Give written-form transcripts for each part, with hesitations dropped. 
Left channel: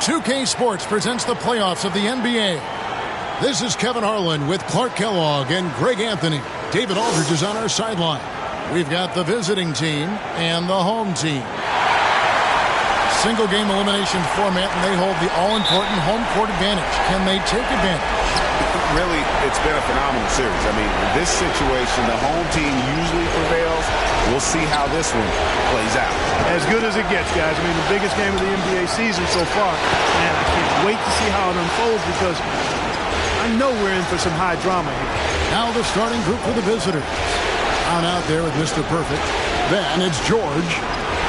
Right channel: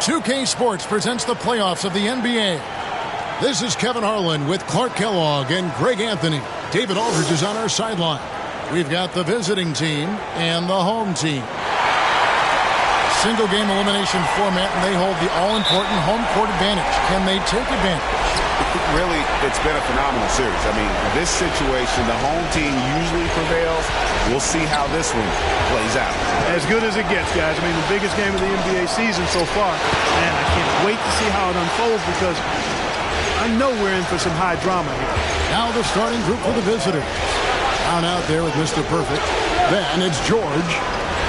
2K Sports presents the playoffs of the NBA. This is Kevin Harlan with Clark Kellogg and Greg Anthony. David Aldridge is on our sideline. We've got the visiting team and the home team. Single game elimination format, and they hold the all-important home court advantage. Can they take advantage? Really, it's been a phenomenal series. I mean, in this situation, the home team usually prevails. We'll see how this one plays out. As good as it gets, guys. I mean, the biggest game of the NBA season so far. Man, I can't wait to see how it unfolds because I know we're in for some high drama here. Now the starting group for the visitors. Down out there with Mr. Perfect. Then it's George.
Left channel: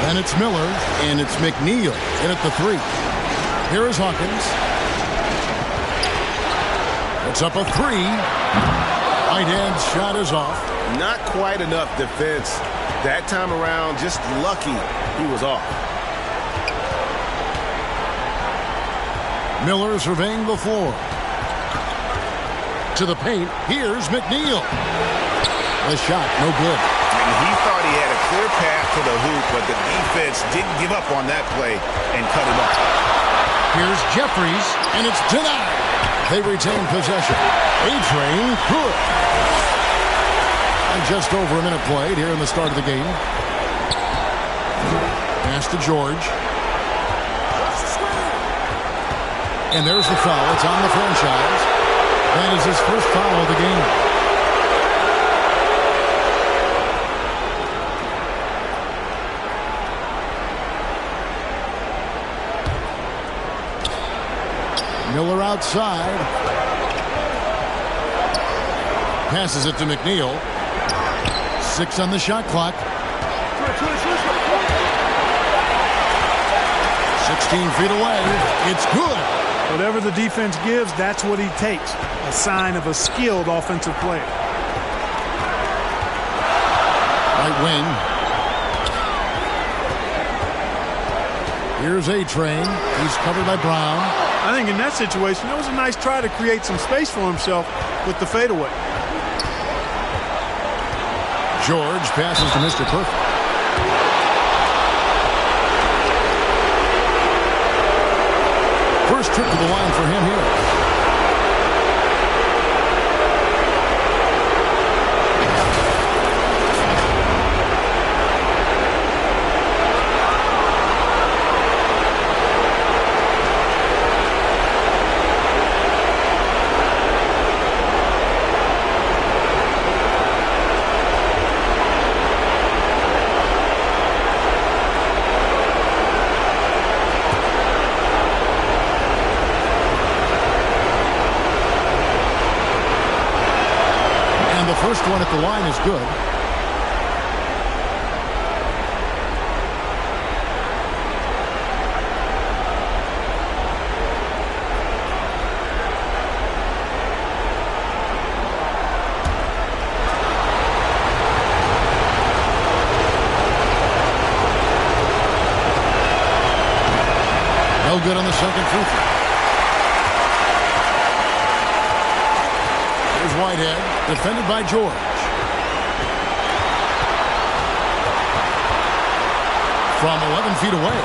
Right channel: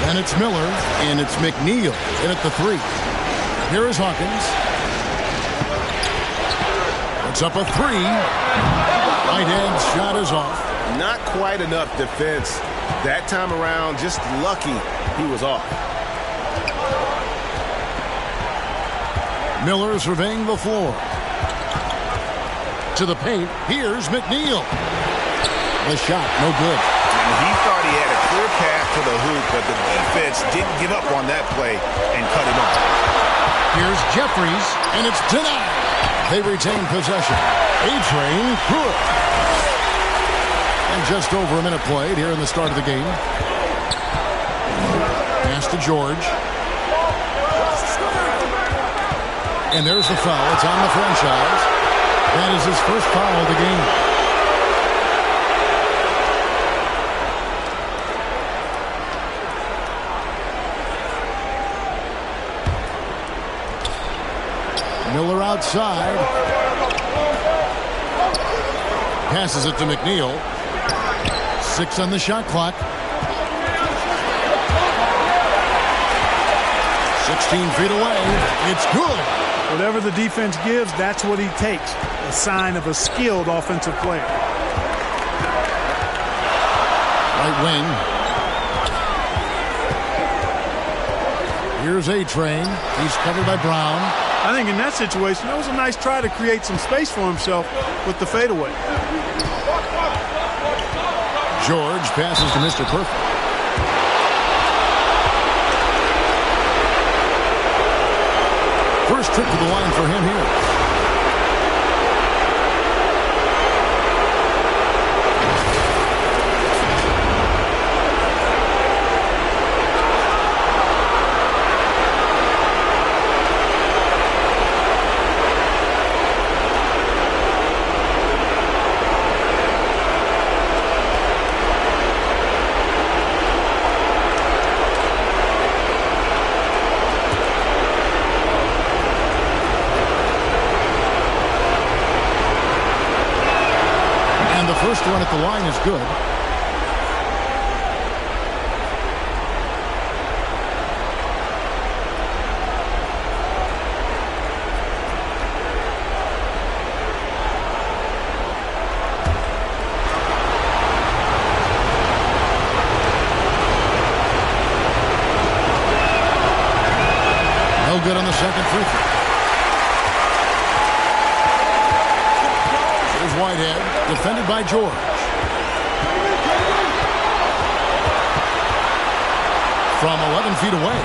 Then it's Miller. And it's McNeil in at the 3. Here is Hawkins. It's up a 3. Right-hand shot is off. Not quite enough defense that time around. Just lucky he was off. Miller surveying the floor. To the paint. Here's McNeil. The shot, no good. And he thought he had a clear path to the hoop, but the defense didn't give up on that play and cut him off. Here's Jeffries, and it's denied. They retain possession. A-Train, good. And just over a minute played here in the start of the game. Pass to George. And there's the foul. It's on the franchise. That is his first foul of the game. Miller outside. Passes it to McNeil. 6 on the shot clock. 16 feet away. It's good. Whatever the defense gives, that's what he takes. A sign of a skilled offensive player. Right wing. Here's A-Train. He's covered by Brown. I think in that situation, that was a nice try to create some space for himself with the fadeaway. George passes to Mr. Perfect. First trip to the line for him here. The first one at the line is good. No good on the second free throw. Here's Whitehead, defended by George. From 11 feet away,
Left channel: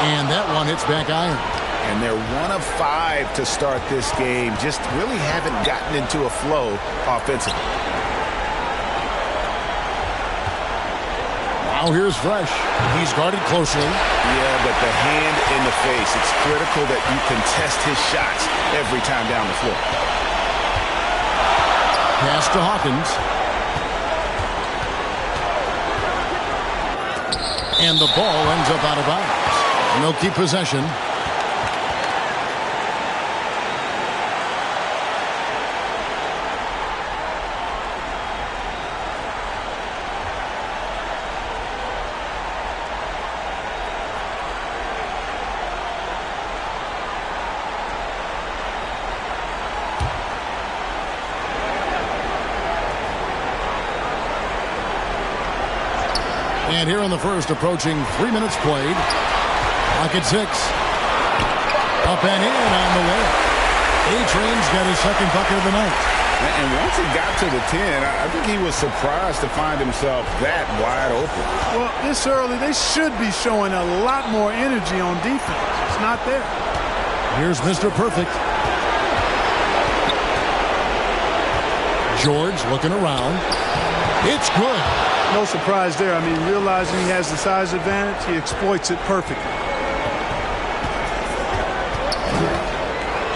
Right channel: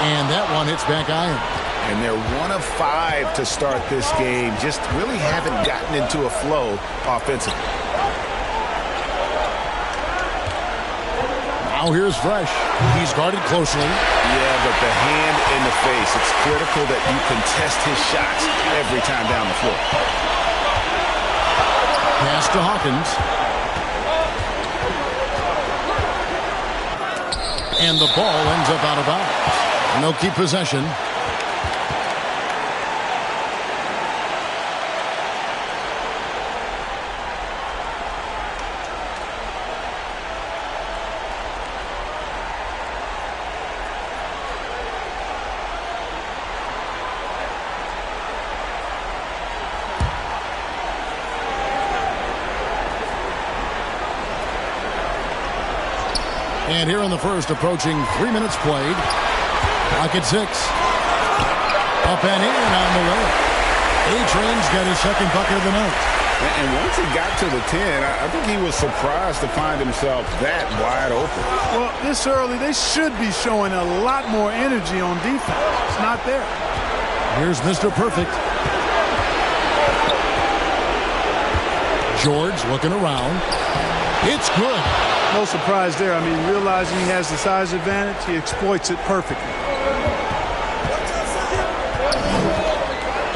and that one hits back iron. And they're 1 of 5 to start this game. Just really haven't gotten into a flow offensively. Now here's Fresh. He's guarded closely. Yeah, but the hand in the face. It's critical that you contest his shots every time down the floor. Pass to Hawkins. And the ball ends up out of bounds. And they'll keep possession. And here in the first, approaching 3 minutes played. Clock at 6. Up and in on the layup. A-Train's got his second bucket of the night. And once he got to the 10, I think he was surprised to find himself that wide open. Well, this early, they should be showing a lot more energy on defense. It's not there. Here's Mr. Perfect. George looking around. It's good. No surprise there. I mean, realizing he has the size advantage, he exploits it perfectly.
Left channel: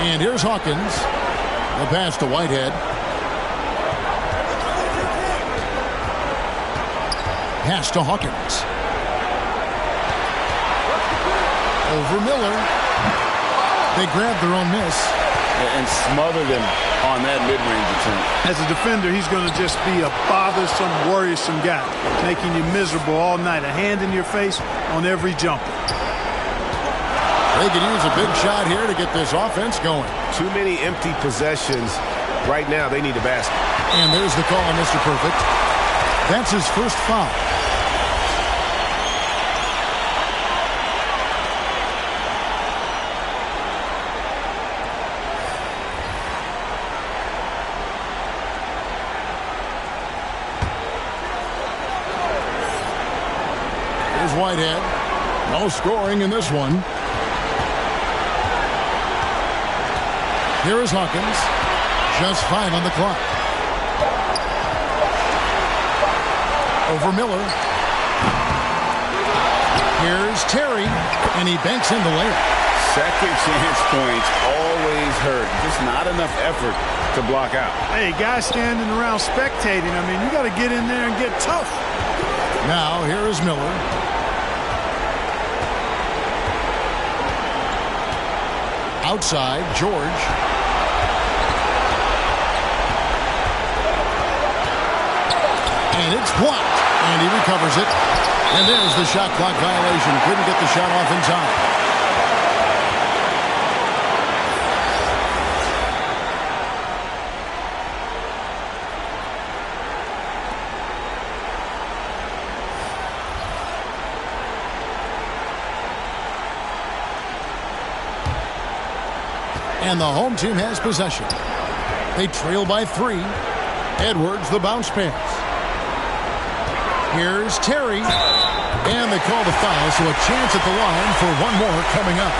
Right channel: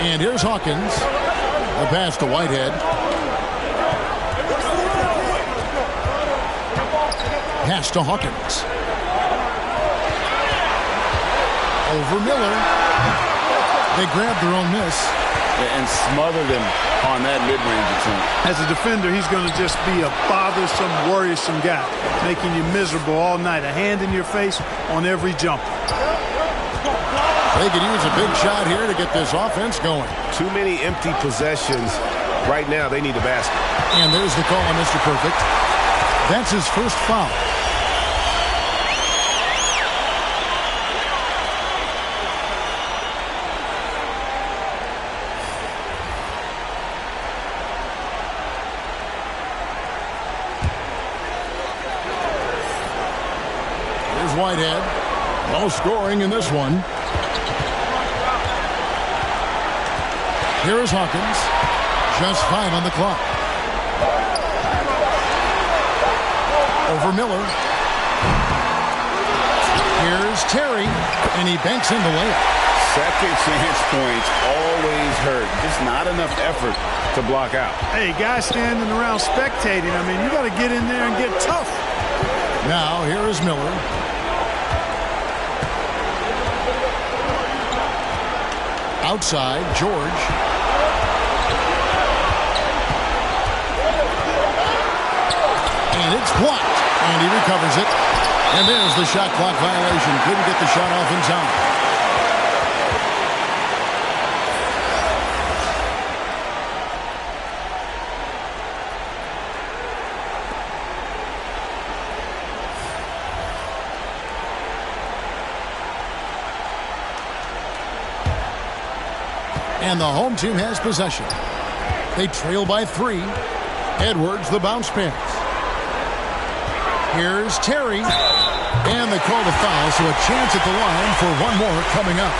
And here's Hawkins. The pass to Whitehead. Pass to Hawkins. Over Miller. They grabbed their own miss. And smothered him on that mid-range attempt. As a defender, he's going to just be a bothersome, worrisome guy, making you miserable all night. A hand in your face on every jumper. They could use a big shot here to get this offense going. Too many empty possessions. Right now, they need a basket. And there's the call on Mr. Perfect. That's his first foul. Here's Whitehead. No scoring in this one. Here is Hawkins. Just 5 on the clock. Over Miller. Here's Terry, and he banks in the layup. Second chance points always hurt. Just not enough effort to block out. Hey, guys standing around spectating. I mean, you got to get in there and get tough. Now, here is Miller. Outside, George. And it's blocked. And he recovers it. And there's the shot clock violation. Couldn't get the shot off in time. And the home team has possession. They trail by 3. Edwards, the bounce pass. Here's Terry. And they call the foul, so a chance at the line for one more coming up.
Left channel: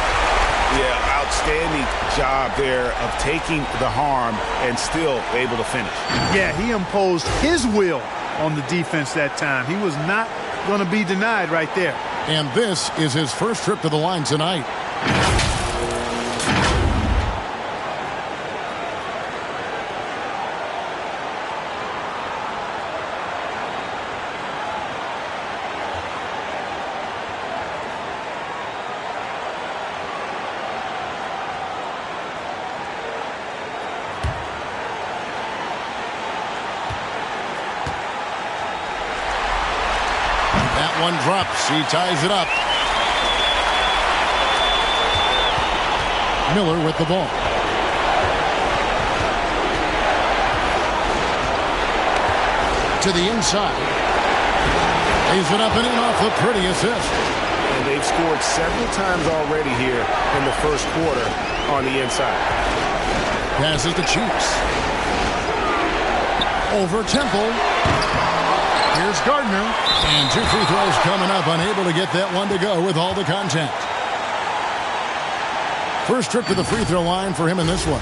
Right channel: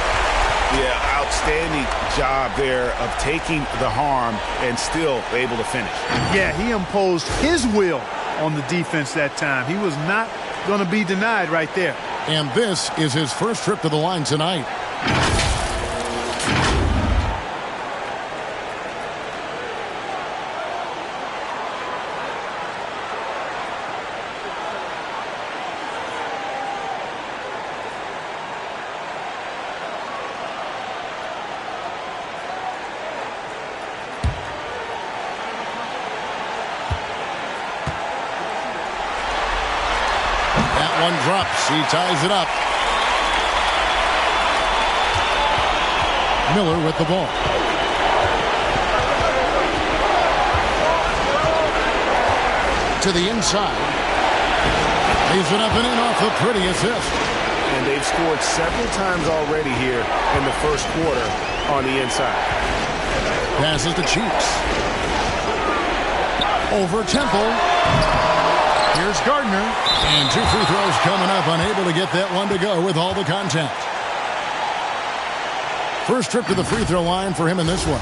Yeah, outstanding job there of taking the harm and still able to finish. Yeah, he imposed his will on the defense that time. He was not going to be denied right there. And this is his first trip to the line tonight. That one drops. He ties it up. Miller with the ball. To the inside. Lays it up and in off the pretty assist. And they've scored several times already here in the first quarter on the inside. Passes to Cheeks. Over Temple. Here's Gardner. And 2 free throws coming up. Unable to get that one to go with all the contact. First trip to the free throw line for him in this one.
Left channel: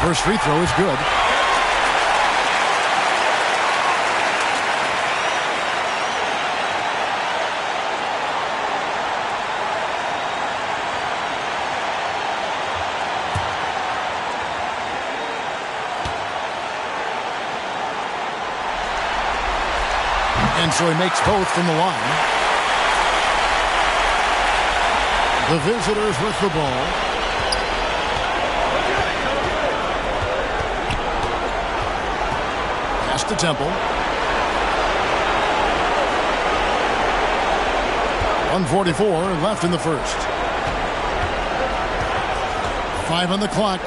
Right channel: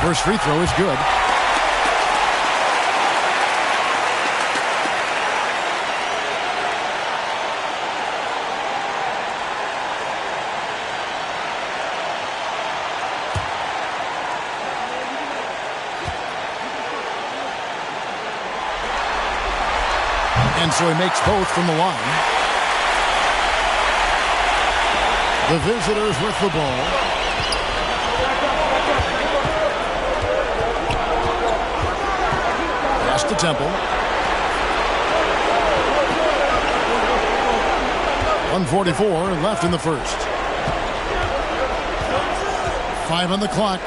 First free throw is good. And so he makes both from the line. The visitors with the ball. Pass to Temple. 1:44 left in the first. 5 on the clock.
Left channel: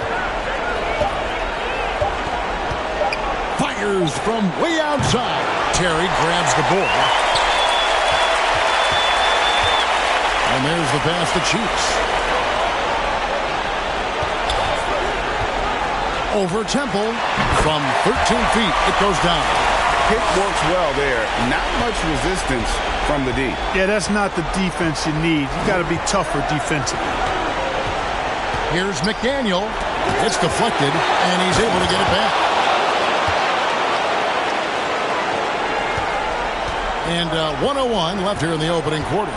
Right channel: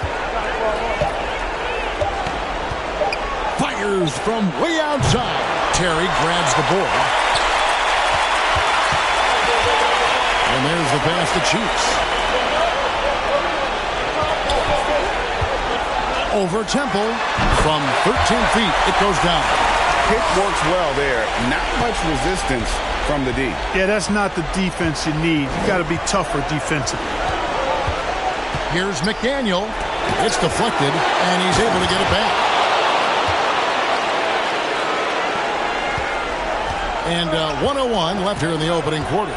Fires from way outside. Terry grabs the board. And there's the pass to Cheeks. Over Temple. From 13 feet, it goes down. Pick works well there. Not much resistance from the D. Yeah, that's not the defense you need. You got to be tougher defensively. Here's McDaniel. It's deflected, and he's able to get it back. And 1:01 left here in the opening quarter.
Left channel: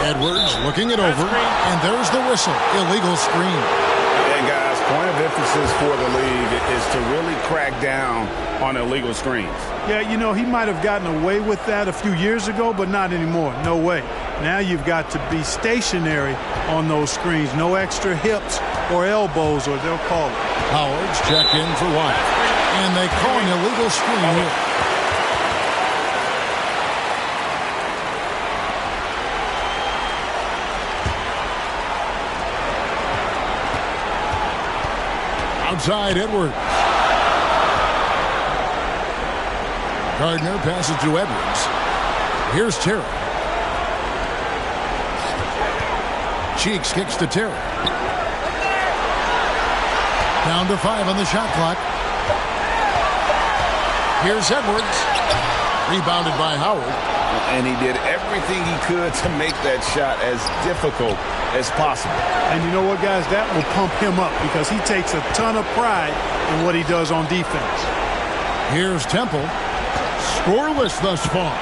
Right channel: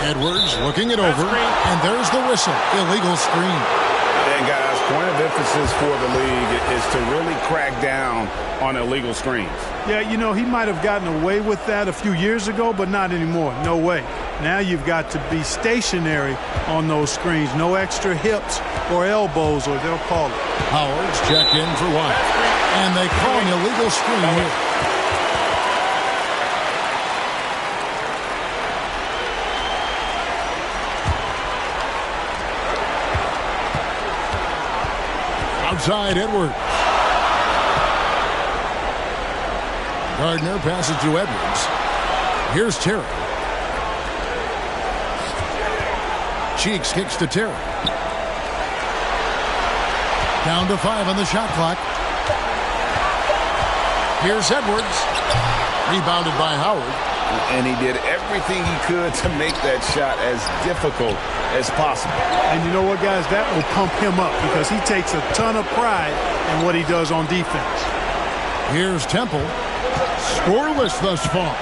Edwards looking it over, and there's the whistle. Illegal screen. And guys, point of emphasis for the league is to really crack down on illegal screens. Yeah, you know, he might have gotten away with that a few years ago, but not anymore. No way. Now you've got to be stationary on those screens. No extra hips or elbows, or they'll call it. Howard's checked in for White. And they call an illegal screen here. Outside Edwards. Gardner passes to Edwards. Here's Terry. Cheeks kicks to Terry. Down to 5 on the shot clock. Here's Edwards. Rebounded by Howard. And he did everything he could to make that shot as difficult as possible. And you know what, guys? That will pump him up because he takes a ton of pride in what he does on defense. Here's Temple. Scoreless thus far.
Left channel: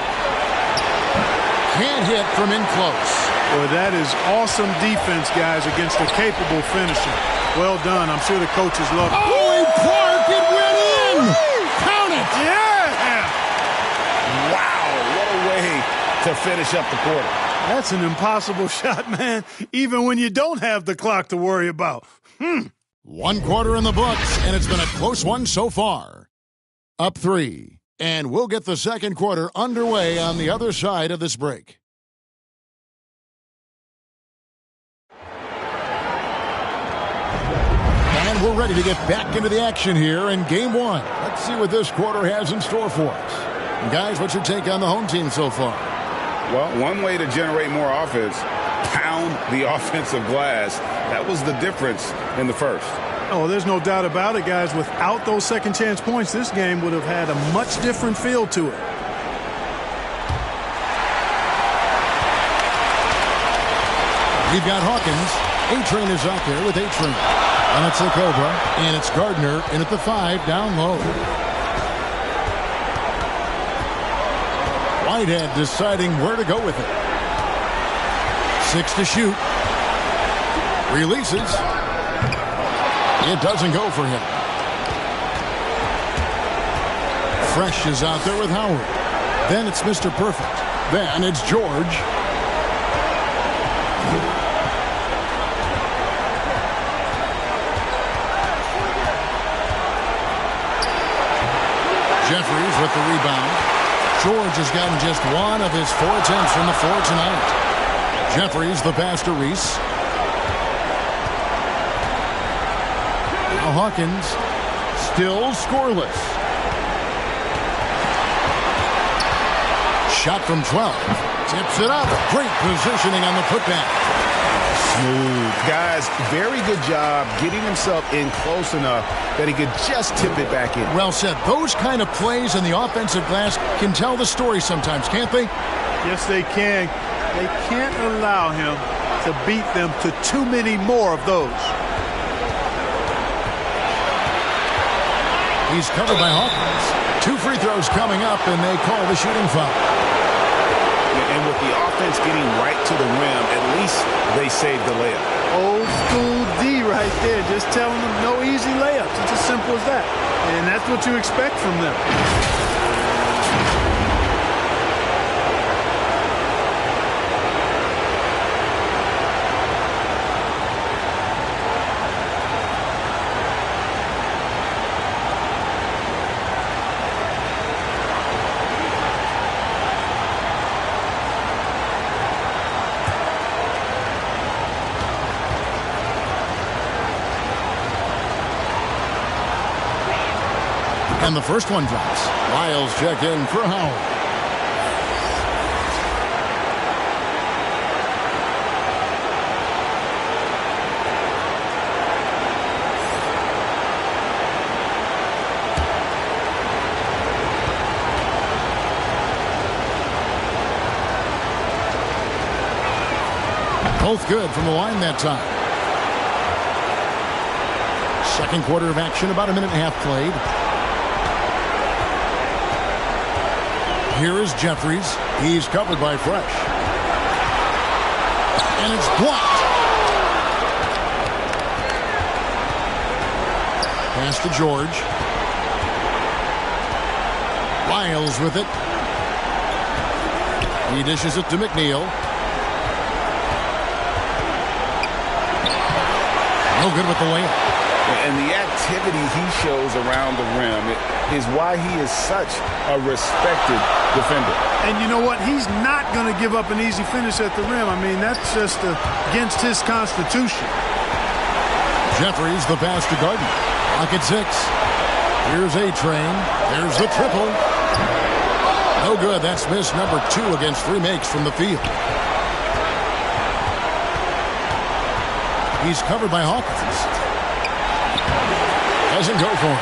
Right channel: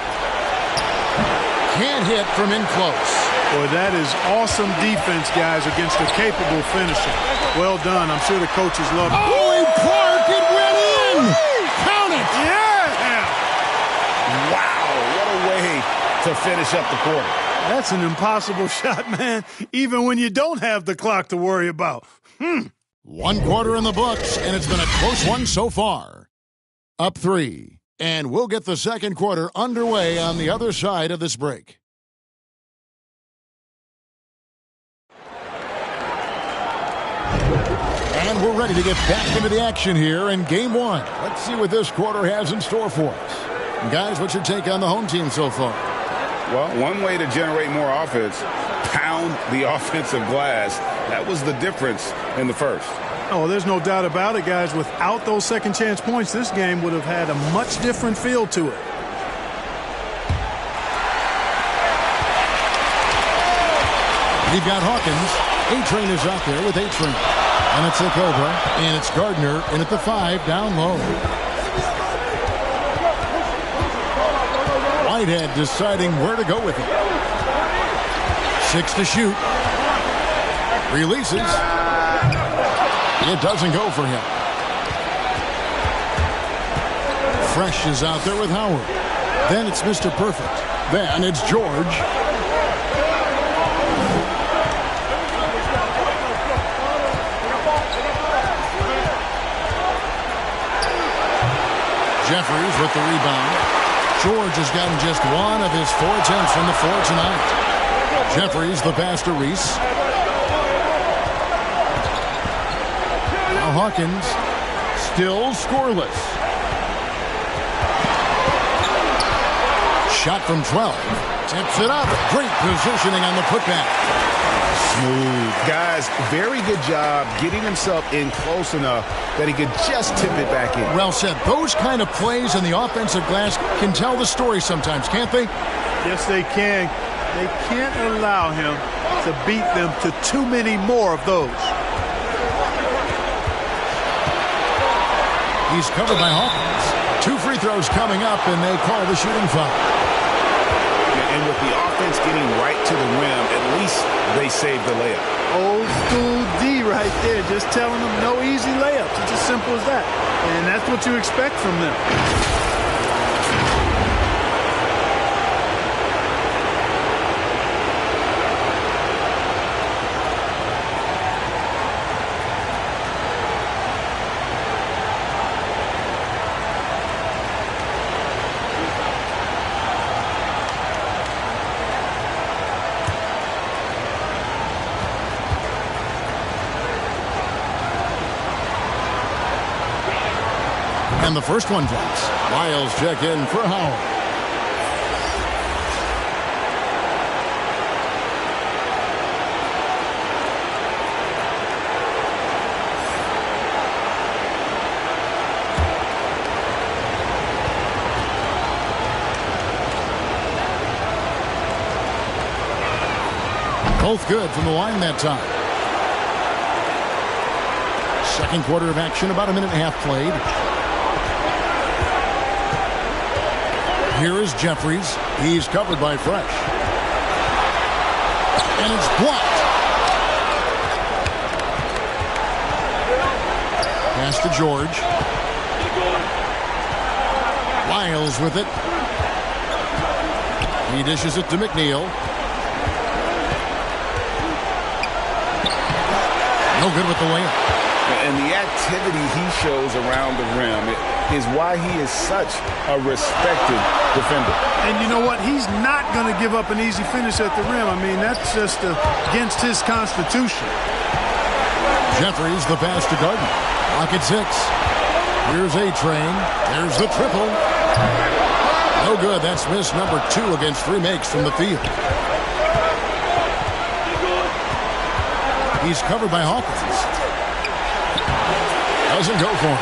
Can't hit from in close. Boy, that is awesome defense, guys, against a capable finisher. Well done. I'm sure the coaches love it. Oh, and Clark, it went in! Count it! Yeah! Wow, what a way to finish up the quarter. That's an impossible shot, man, even when you don't have the clock to worry about. 1 quarter in the books, and it's been a close one so far. Up 3, and we'll get the second quarter underway on the other side of this break. And we're ready to get back into the action here in Game 1. Let's see what this quarter has in store for us. And guys, what's your take on the home team so far? Well, one way to generate more offense, pound the offensive glass. That was the difference in the first. Oh, there's no doubt about it, guys. Without those second chance points, this game would have had a much different feel to it. We've got Hawkins. A-Train is out there with A-Train. And it's a Cobra. And it's Gardner in at the 5 down low. Whitehead deciding where to go with it. 6 to shoot. Releases. It doesn't go for him. Fresh is out there with Howard. Then it's Mr. Perfect. Then it's George. Jeffries with the rebound. George has gotten just 1 of his 4 attempts from the floor tonight. Jeffries the pass to Reese. Now Hawkins still scoreless. Shot from 12. Tips it up. Great positioning on the putback. Smooth. Guys, very good job getting himself in close enough that he could just tip it back in. Well said. Those kind of plays in the offensive glass can tell the story sometimes, can't they? Yes, they can. They can't allow him to beat them to too many more of those. He's covered by Hawkins. 2 free throws coming up, and they call the shooting foul. And with the offense getting right to the rim, at least they saved the layup. Old school D right there, just telling them no easy layups. It's as simple as that. And that's what you expect from them. And the first one drops. Miles checked in for Howard. Both good from the line that time. Second quarter of action, about a minute and a half played. Here is Jeffries. He's covered by Fresh. And it's blocked. Pass to George. Lyles with it. He dishes it to McNeil. No good with the layup. And the activity he shows around the rim is why he is such a respected defender. And you know what? He's not going to give up an easy finish at the rim. I mean, that's just against his constitution. Jeffries, the pass to Gardner. Lock at 6. Here's A-Train. There's the triple. No good. That's miss number 2 against 3 makes from the field. He's covered by Hawkins. Doesn't go for him.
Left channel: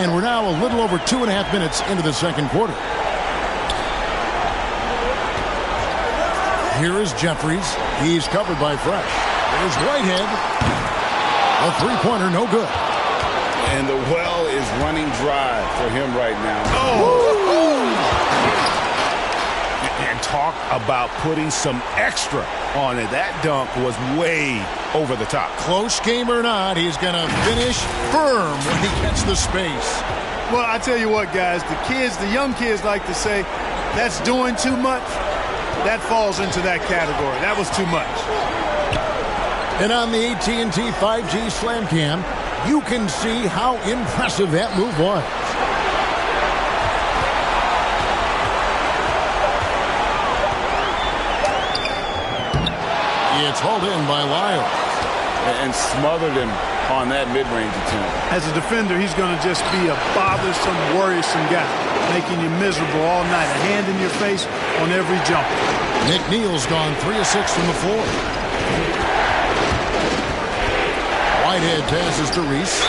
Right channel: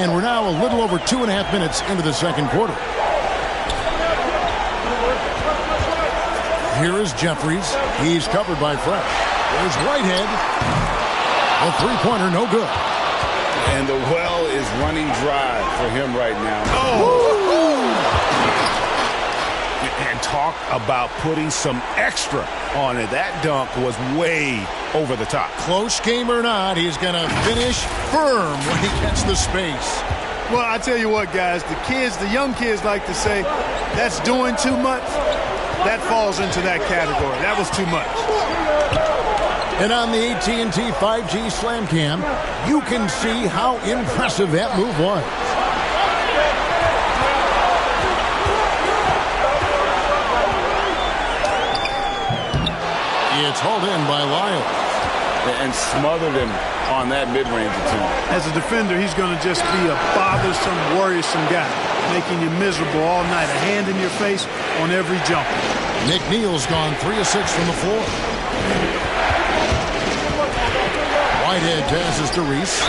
And we're now a little over 2.5 minutes into the second quarter. Here is Jeffries. He's covered by Fresh. There's Whitehead. A three-pointer, no good. And the well is running dry for him right now. And talk about putting some extra on it. That dunk was way over the top. Close game or not, he's going to finish firm when he gets the space. Well, I tell you what, guys, the young kids like to say, that's doing too much. That falls into that category. That was too much. And on the AT&T 5G Slam Cam, you can see how impressive that move was. It's hauled in by Lyles. And smothered him on that mid-range attempt. As a defender, he's going to just be a bothersome, worrisome guy, making you miserable all night. A hand in your face on every jumper. McNeil's gone 3 of 6 from the floor. Whitehead passes to Reese.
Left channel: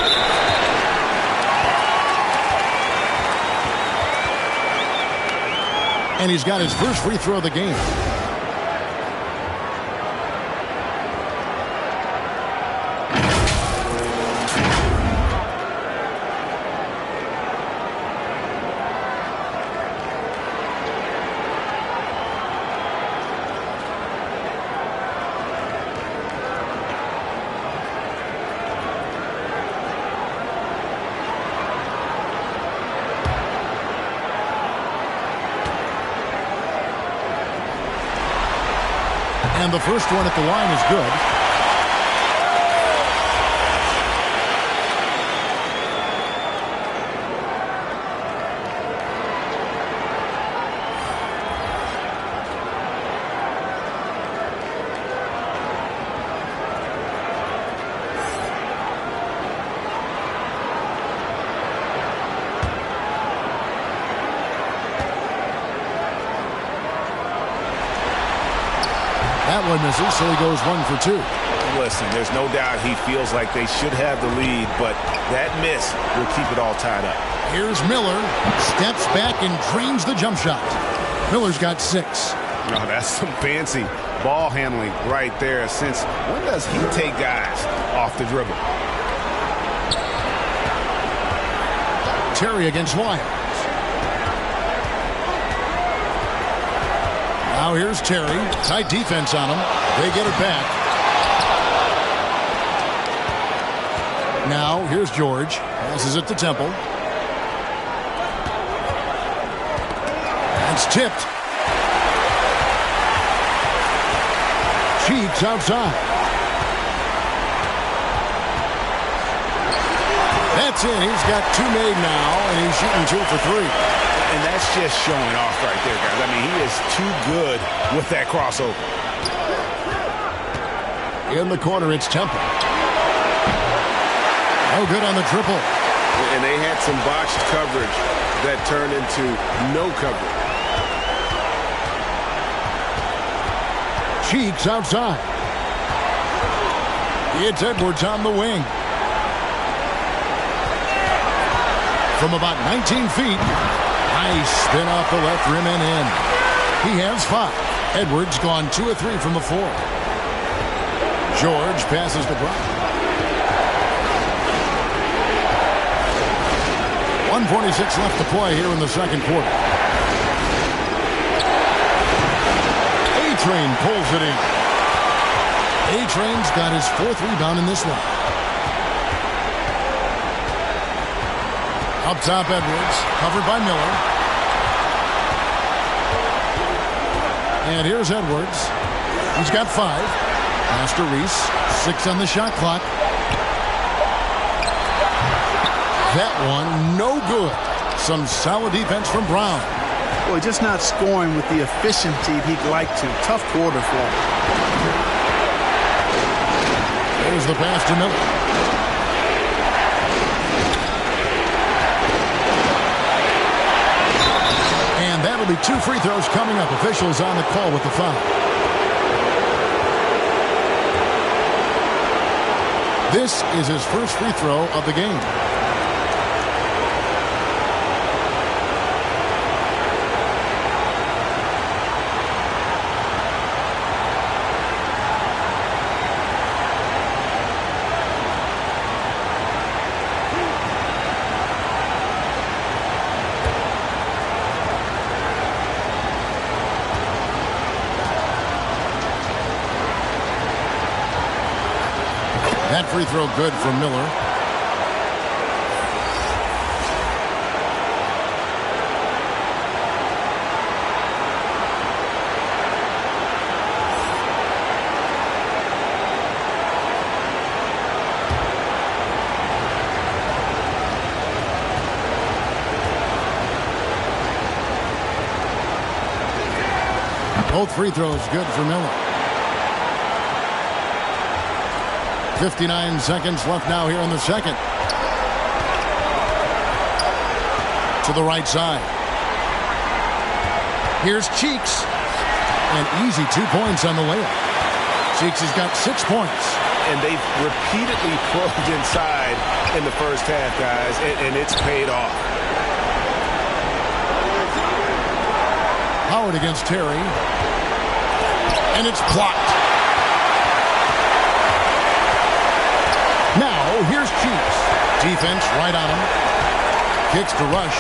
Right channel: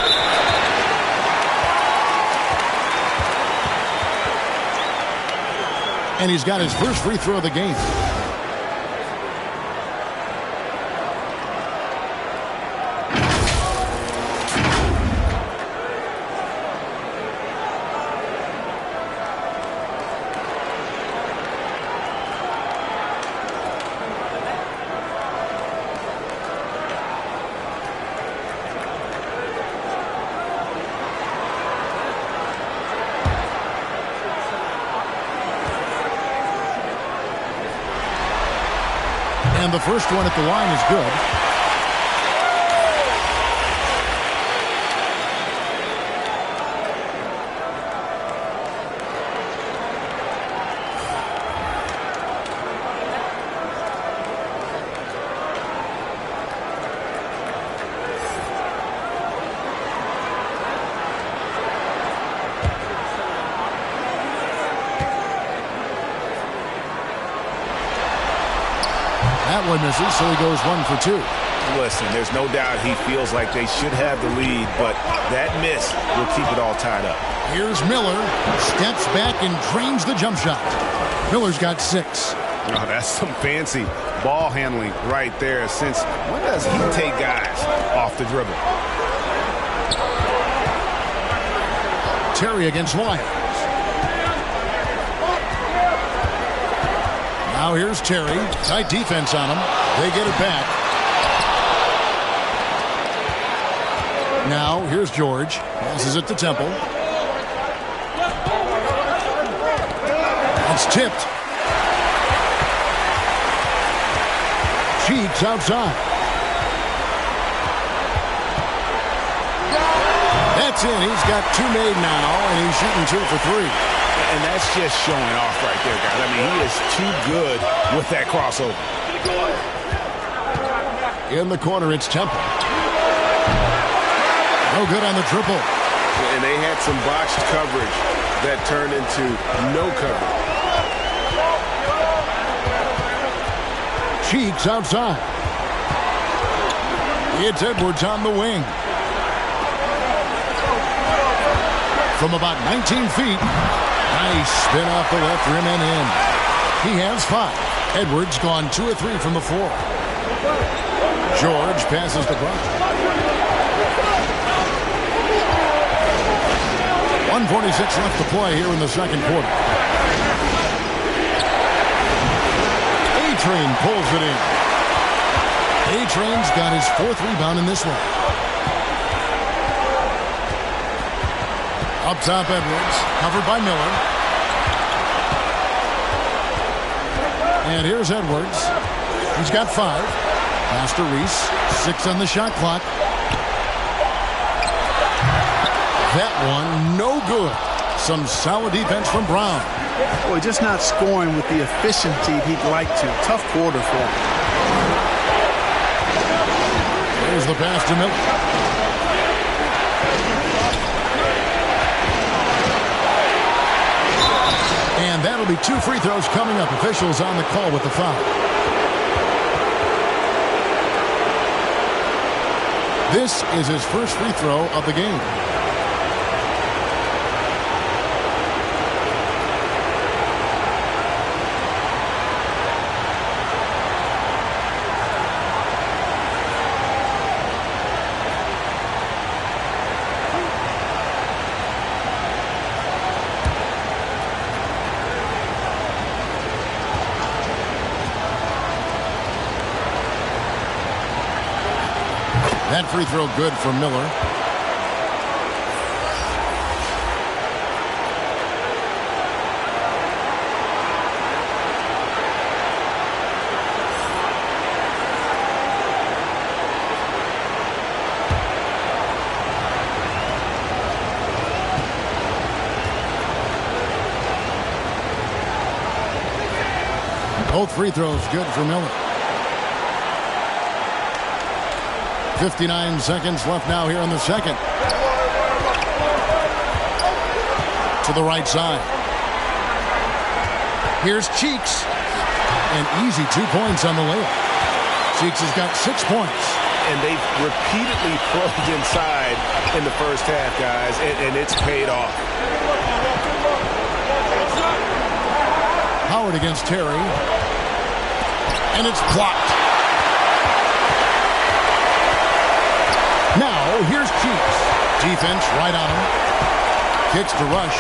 And he's got his first free throw of the game. And the first one at the line is good. That one misses, so he goes 1 for 2. Listen, there's no doubt he feels like they should have the lead, but that miss will keep it all tied up. Here's Miller, steps back and drains the jump shot. Miller's got 6. Oh, that's some fancy ball handling right there. Since when does he take guys off the dribble? Terry against Lyles. Now here's Terry. Tight defense on him. They get it back. Now here's George. Passes it to Temple. It's tipped. Cheeks outside. That's in. He's got 2 made now, and he's shooting 2 for 3. And that's just showing off right there, guys. I mean, he is too good with that crossover. In the corner, it's Temple. No good on the triple. And they had some botched coverage that turned into no coverage. Cheeks outside. It's Edwards on the wing. From about 19 feet. Nice spin off the left rim and in. He has 5. Edwards gone 2 of 3 from the floor. George passes to Brown. 1:46 left to play here in the second quarter. A-Train pulls it in. A-Train's got his 4th rebound in this one. Up top, Edwards, covered by Miller. And here's Edwards. He's got 5. Pass to Reese. 6 on the shot clock. That one, no good. Some solid defense from Brown. Boy, just not scoring with the efficiency he'd like to. Tough quarter for him. There's the pass to Miller. And that'll be 2 free throws coming up. Officials on the call with the foul. This is his first free throw of the game. That free throw good for Miller. Both free throws good for Miller. 59 seconds left now here in the second. To the right side. Here's Cheeks. An easy 2 points on the layup. Cheeks has got 6 points. And they've repeatedly probed inside in the first half, guys, and it's paid off. Howard against Terry. And it's blocked. Now, here's Cheeks. Defense right on him. Kicks to Rush.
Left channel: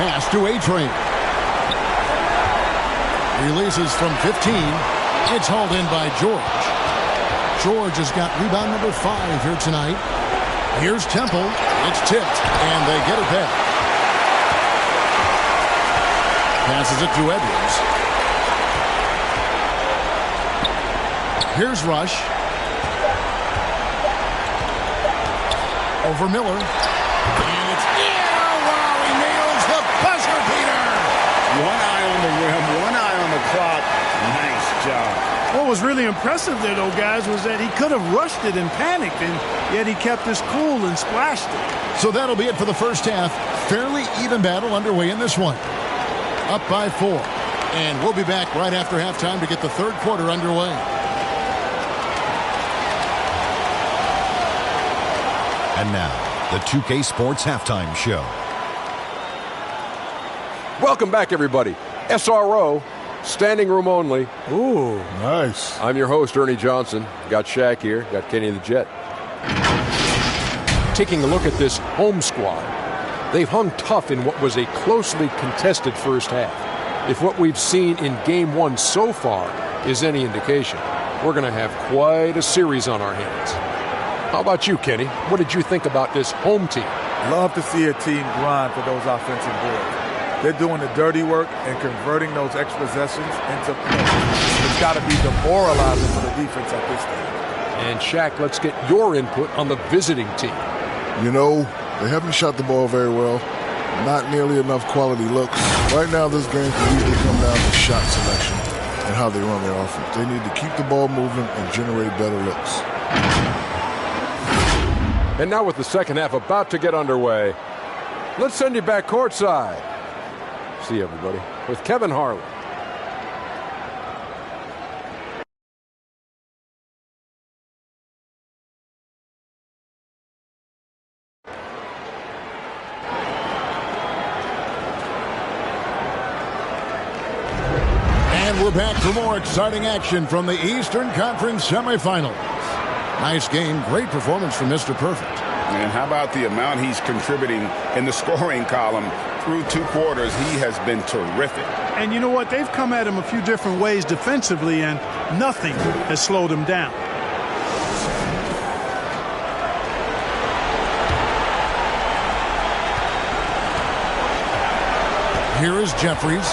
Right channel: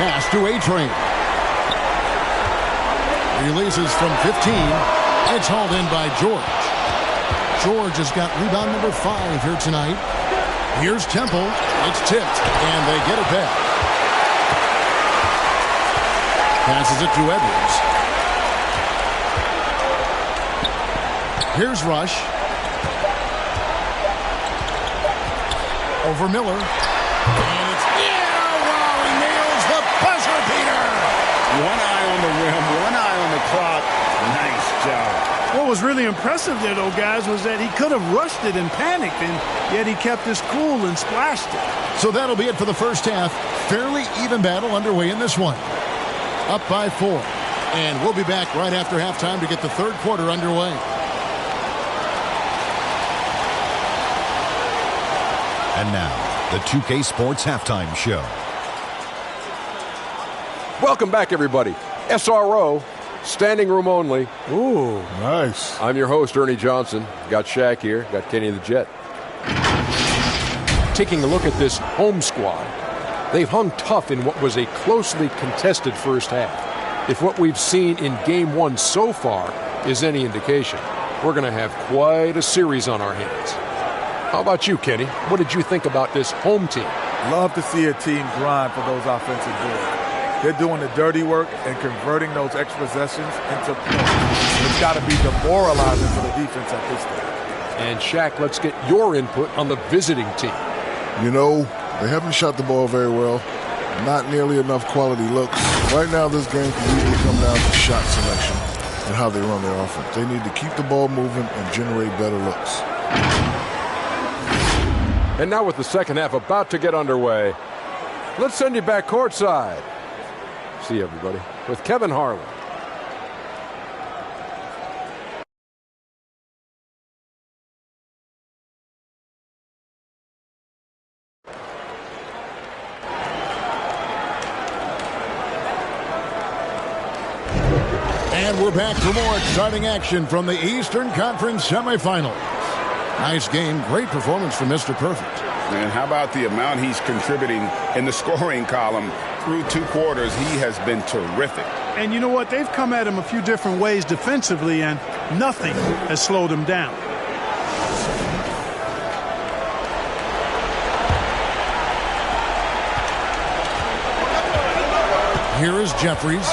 Pass to A-Train. Releases from 15. It's hauled in by George. George has got rebound number 5 here tonight. Here's Temple. It's tipped, and they get it back. Passes it to Edwards. Here's Rush. Over Miller. And it's, wow, he nails the buzzer beater. One eye on the rim, one eye on the clock. Nice job. What was really impressive there, though, guys, was that he could have rushed it and panicked, and yet he kept his cool and splashed it. So that'll be it for the first half. Fairly even battle underway in this one. Up by 4. And we'll be back right after halftime to get the third quarter underway. And now, the 2K Sports Halftime Show. Welcome back, everybody. SRO, standing room only. Ooh, nice. I'm your host, Ernie Johnson. Got Shaq here. Got Kenny the Jet. Taking a look at this home squad, they've hung tough in what was a closely contested first half. If what we've seen in Game 1 so far is any indication, we're going to have quite a series on our hands. How about you, Kenny? What did you think about this home team? Love to see a team grind for those offensive boards. They're doing the dirty work and converting those extra possessions into points. It's got to be demoralizing for the defense at this stage. And Shaq, let's get your input on the visiting team. You know, they haven't shot the ball very well. Not nearly enough quality looks. Right now, this game can easily come down to shot selection and how they run their offense. They need to keep the ball moving and generate better looks. And now with the second half about to get underway, let's send you back courtside. See you, everybody, with Kevin Harlan. And we're back for more exciting action from the Eastern Conference semifinals. Nice game, great performance from Mr. Perfect. And how about the amount he's contributing in the scoring column through 2 quarters? He has been terrific. And you know what? They've come at him a few different ways defensively, and nothing has slowed him down. Here is Jeffries.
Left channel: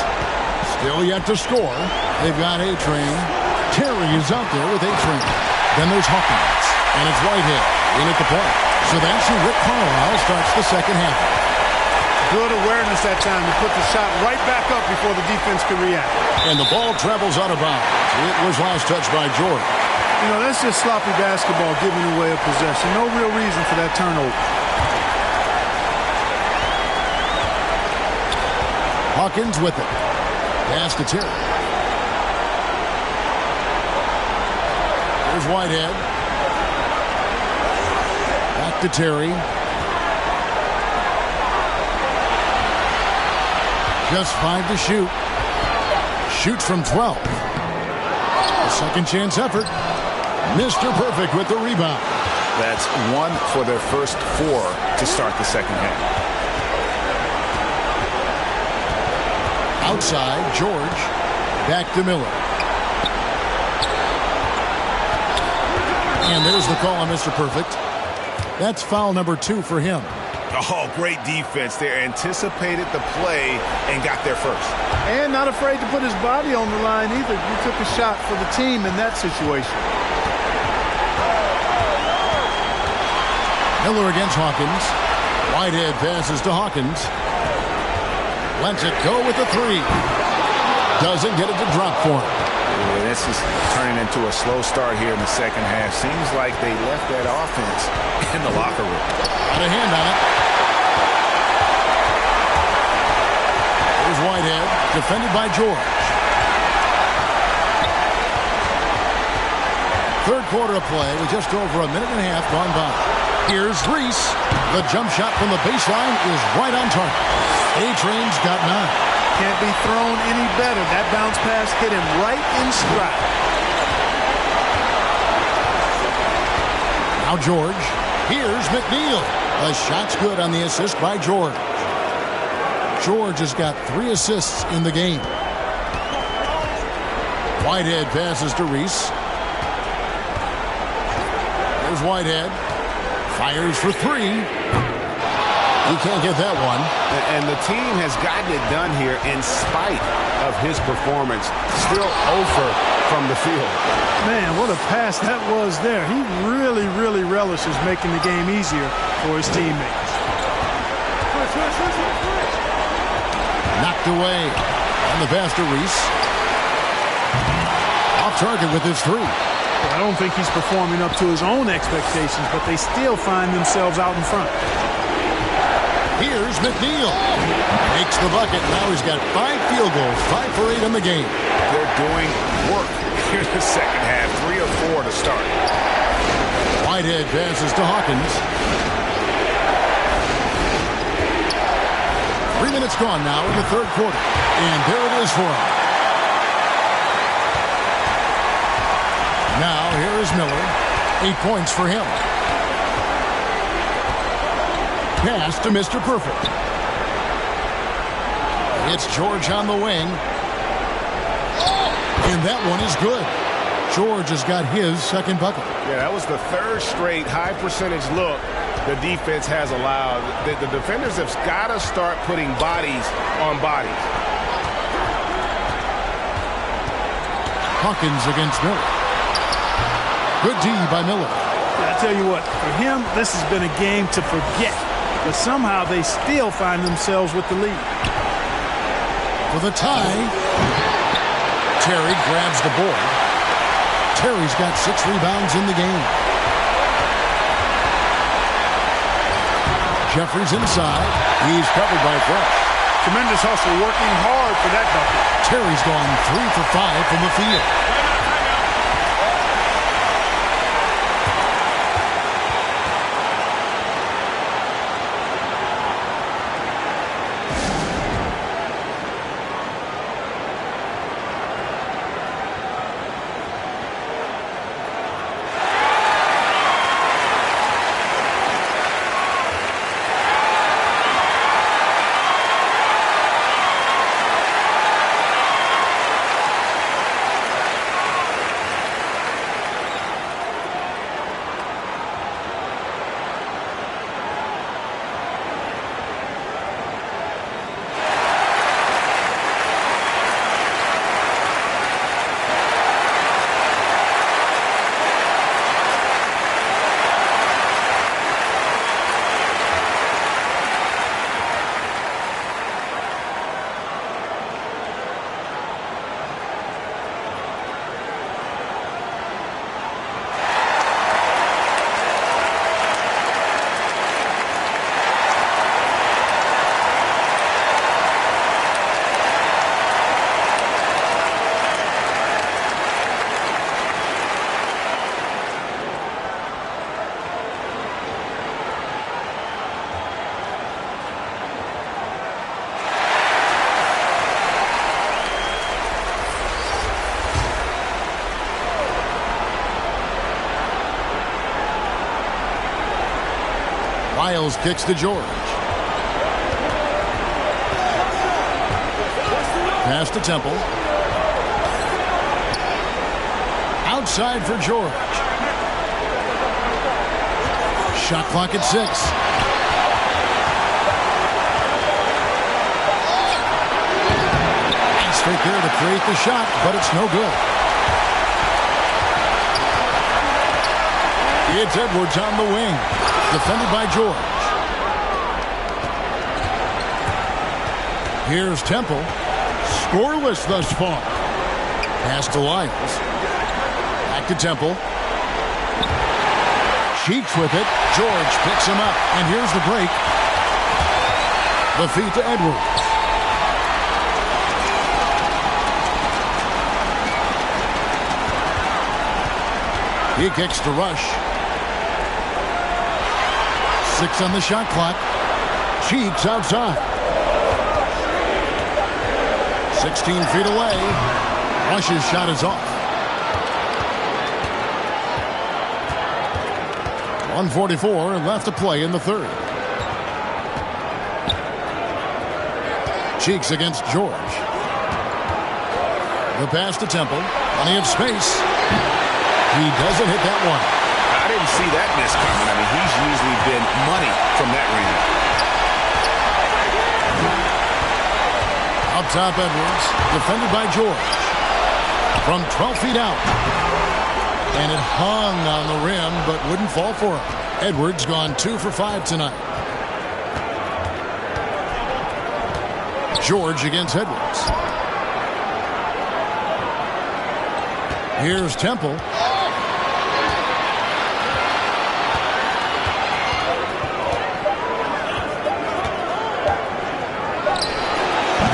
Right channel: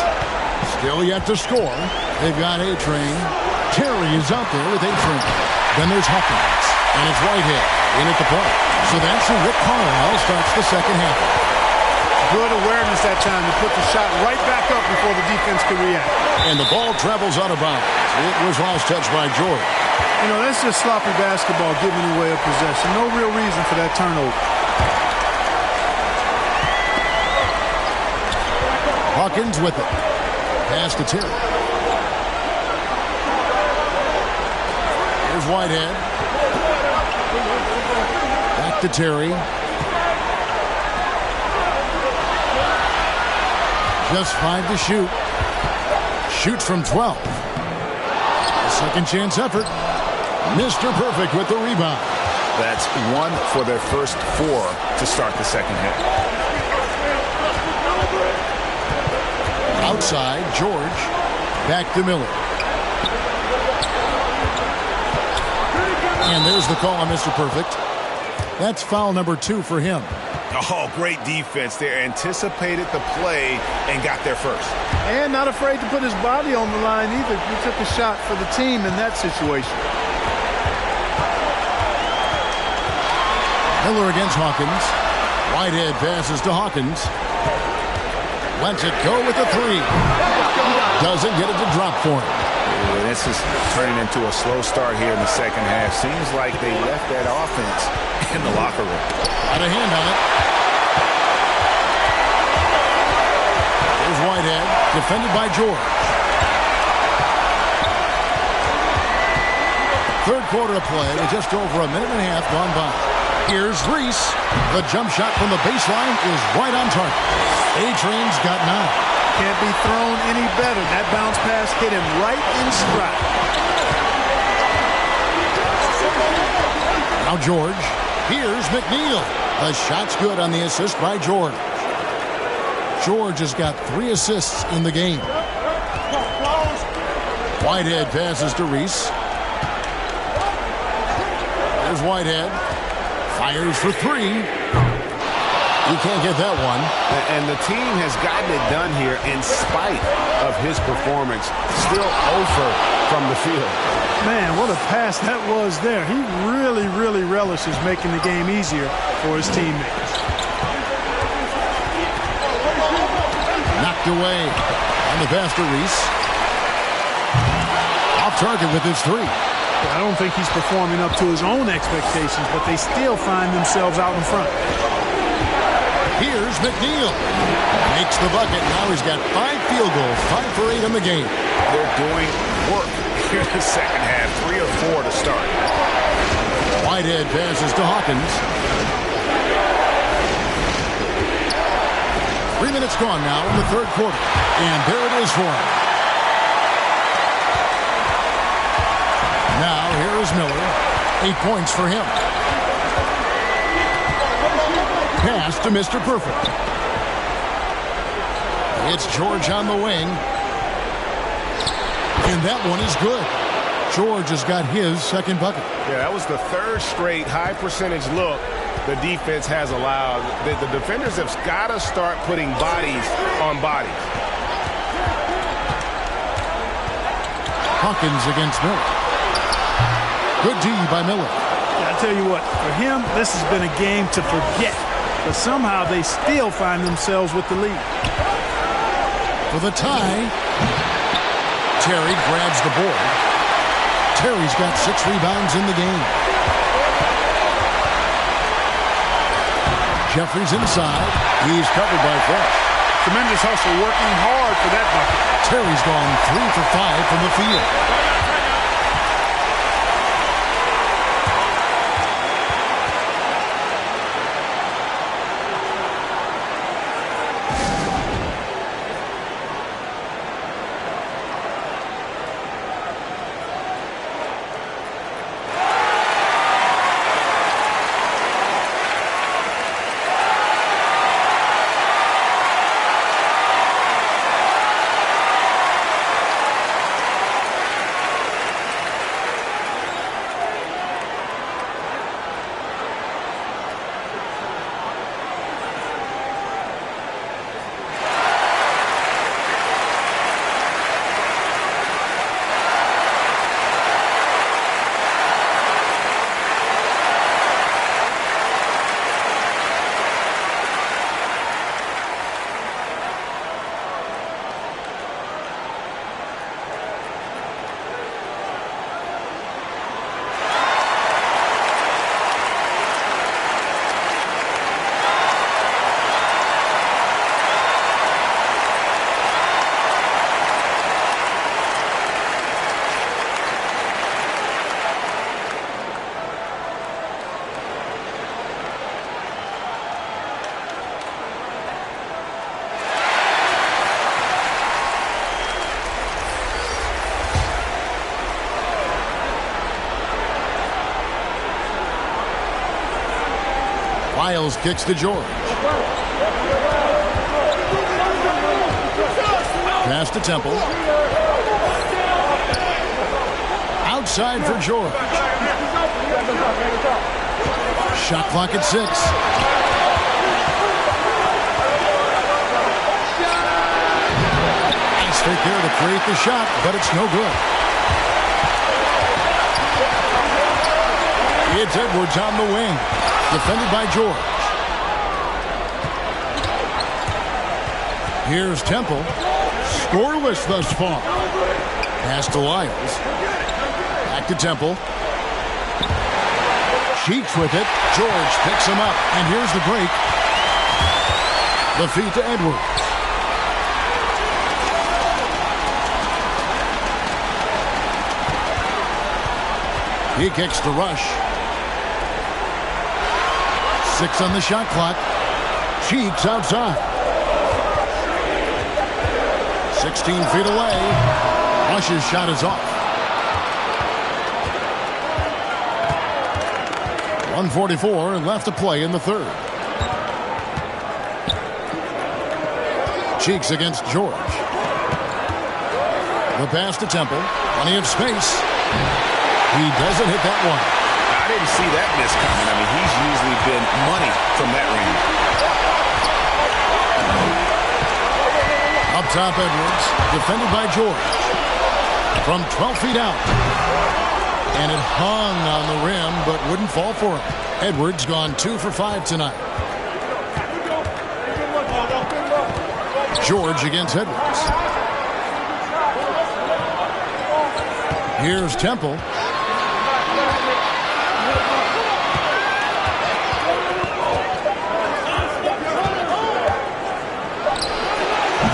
Still yet to score. They've got A-Train. Terry is out there with A-Train. Then there's Hawkins. And it's Whitehead in at the point. So that's who Rick Carlisle starts the second half. Good awareness that time to put the shot right back up before the defense could react. And the ball travels out of bounds. It was last touched by George. You know, that's just sloppy basketball giving away a possession. No real reason for that turnover. Hawkins with it. Pass to Terry. Here's Whitehead. Back to Terry. Just 5 to shoot. Shoots from 12. A second chance effort. Mr. Perfect with the rebound. That's 1 for their first 4 to start the second half. Outside, George. Back to Miller. And there's the call on Mr. Perfect. That's foul number 2 for him. Oh, great defense there. Anticipated the play and got there first. And not afraid to put his body on the line either. He took a shot for the team in that situation. Miller against Hawkins. Whitehead passes to Hawkins. Lets it go with the 3. Doesn't get it to drop for him. Ooh, this is turning into a slow start here in the second half. Seems like they left that offense in the locker room. Got a hand on it. Here's Whitehead, defended by George. Third quarter of play with just over a minute and a half gone by. Here's Reese. The jump shot from the baseline is right on target. A-Train's got 9. Can't be thrown any better. That bounce pass hit him right in stride. Now George. Here's McNeil. The shot's good on the assist by George. George has got 3 assists in the game. Whitehead passes to Reese. Here's Whitehead. Fires for 3. He can't get that one. And the team has gotten it done here in spite of his performance. Still 0 from the field. Man, what a pass that was there. He really, really relishes making the game easier for his teammates. Knocked away. On the pass to Reese. Off target with his 3. Well, I don't think he's performing up to his own expectations, but they still find themselves out in front. Here's McNeil. Makes the bucket. Now he's got 5 field goals, 5 for 8 in the game. They're doing work here in the second half. 3 of 4 to start. Whitehead passes to Hawkins. 3 minutes gone now in the third quarter. And there it is for him. Now here is Miller. 8 points for him. Pass to Mr. Perfect. It's George on the wing. And that one is good. George has got his second bucket. Yeah, that was the 3rd straight high percentage look the defense has allowed. The defenders have got to start putting bodies on bodies. Hawkins against Miller. Good D by Miller. Yeah, I tell you what, for him, this has been a game to forget. But somehow they still find themselves with the lead. For the tie, Terry grabs the board. Terry's got 6 rebounds in the game. Jeffries inside. He's covered by Fresh. Tremendous hustle, working hard for that bucket. Terry's gone 3 for 5 from the field. Miles kicks to George. Pass to Temple. Outside for George. Shot clock at 6. Nice fake there to create the shot, but it's no good. It's Edwards on the wing. Defended by George. Here's Temple. Scoreless thus far. Pass to Lyles. Back to Temple. Cheeks with it. George picks him up. And here's the break. The feed to Edwards. He kicks to Rush. 6 on the shot clock. Cheeks outside. 16 feet away. Rush's shot is off. 1:44 left to play in the third. Cheeks against George. The pass to Temple. Plenty of space. He doesn't hit that one. I didn't see that miss coming. I mean, he's usually been money from that range. Up top, Edwards. Defended by George. From 12 feet out. And it hung on the rim, but wouldn't fall for him. Edwards gone 2 for 5 tonight. George against Edwards. Here's Temple.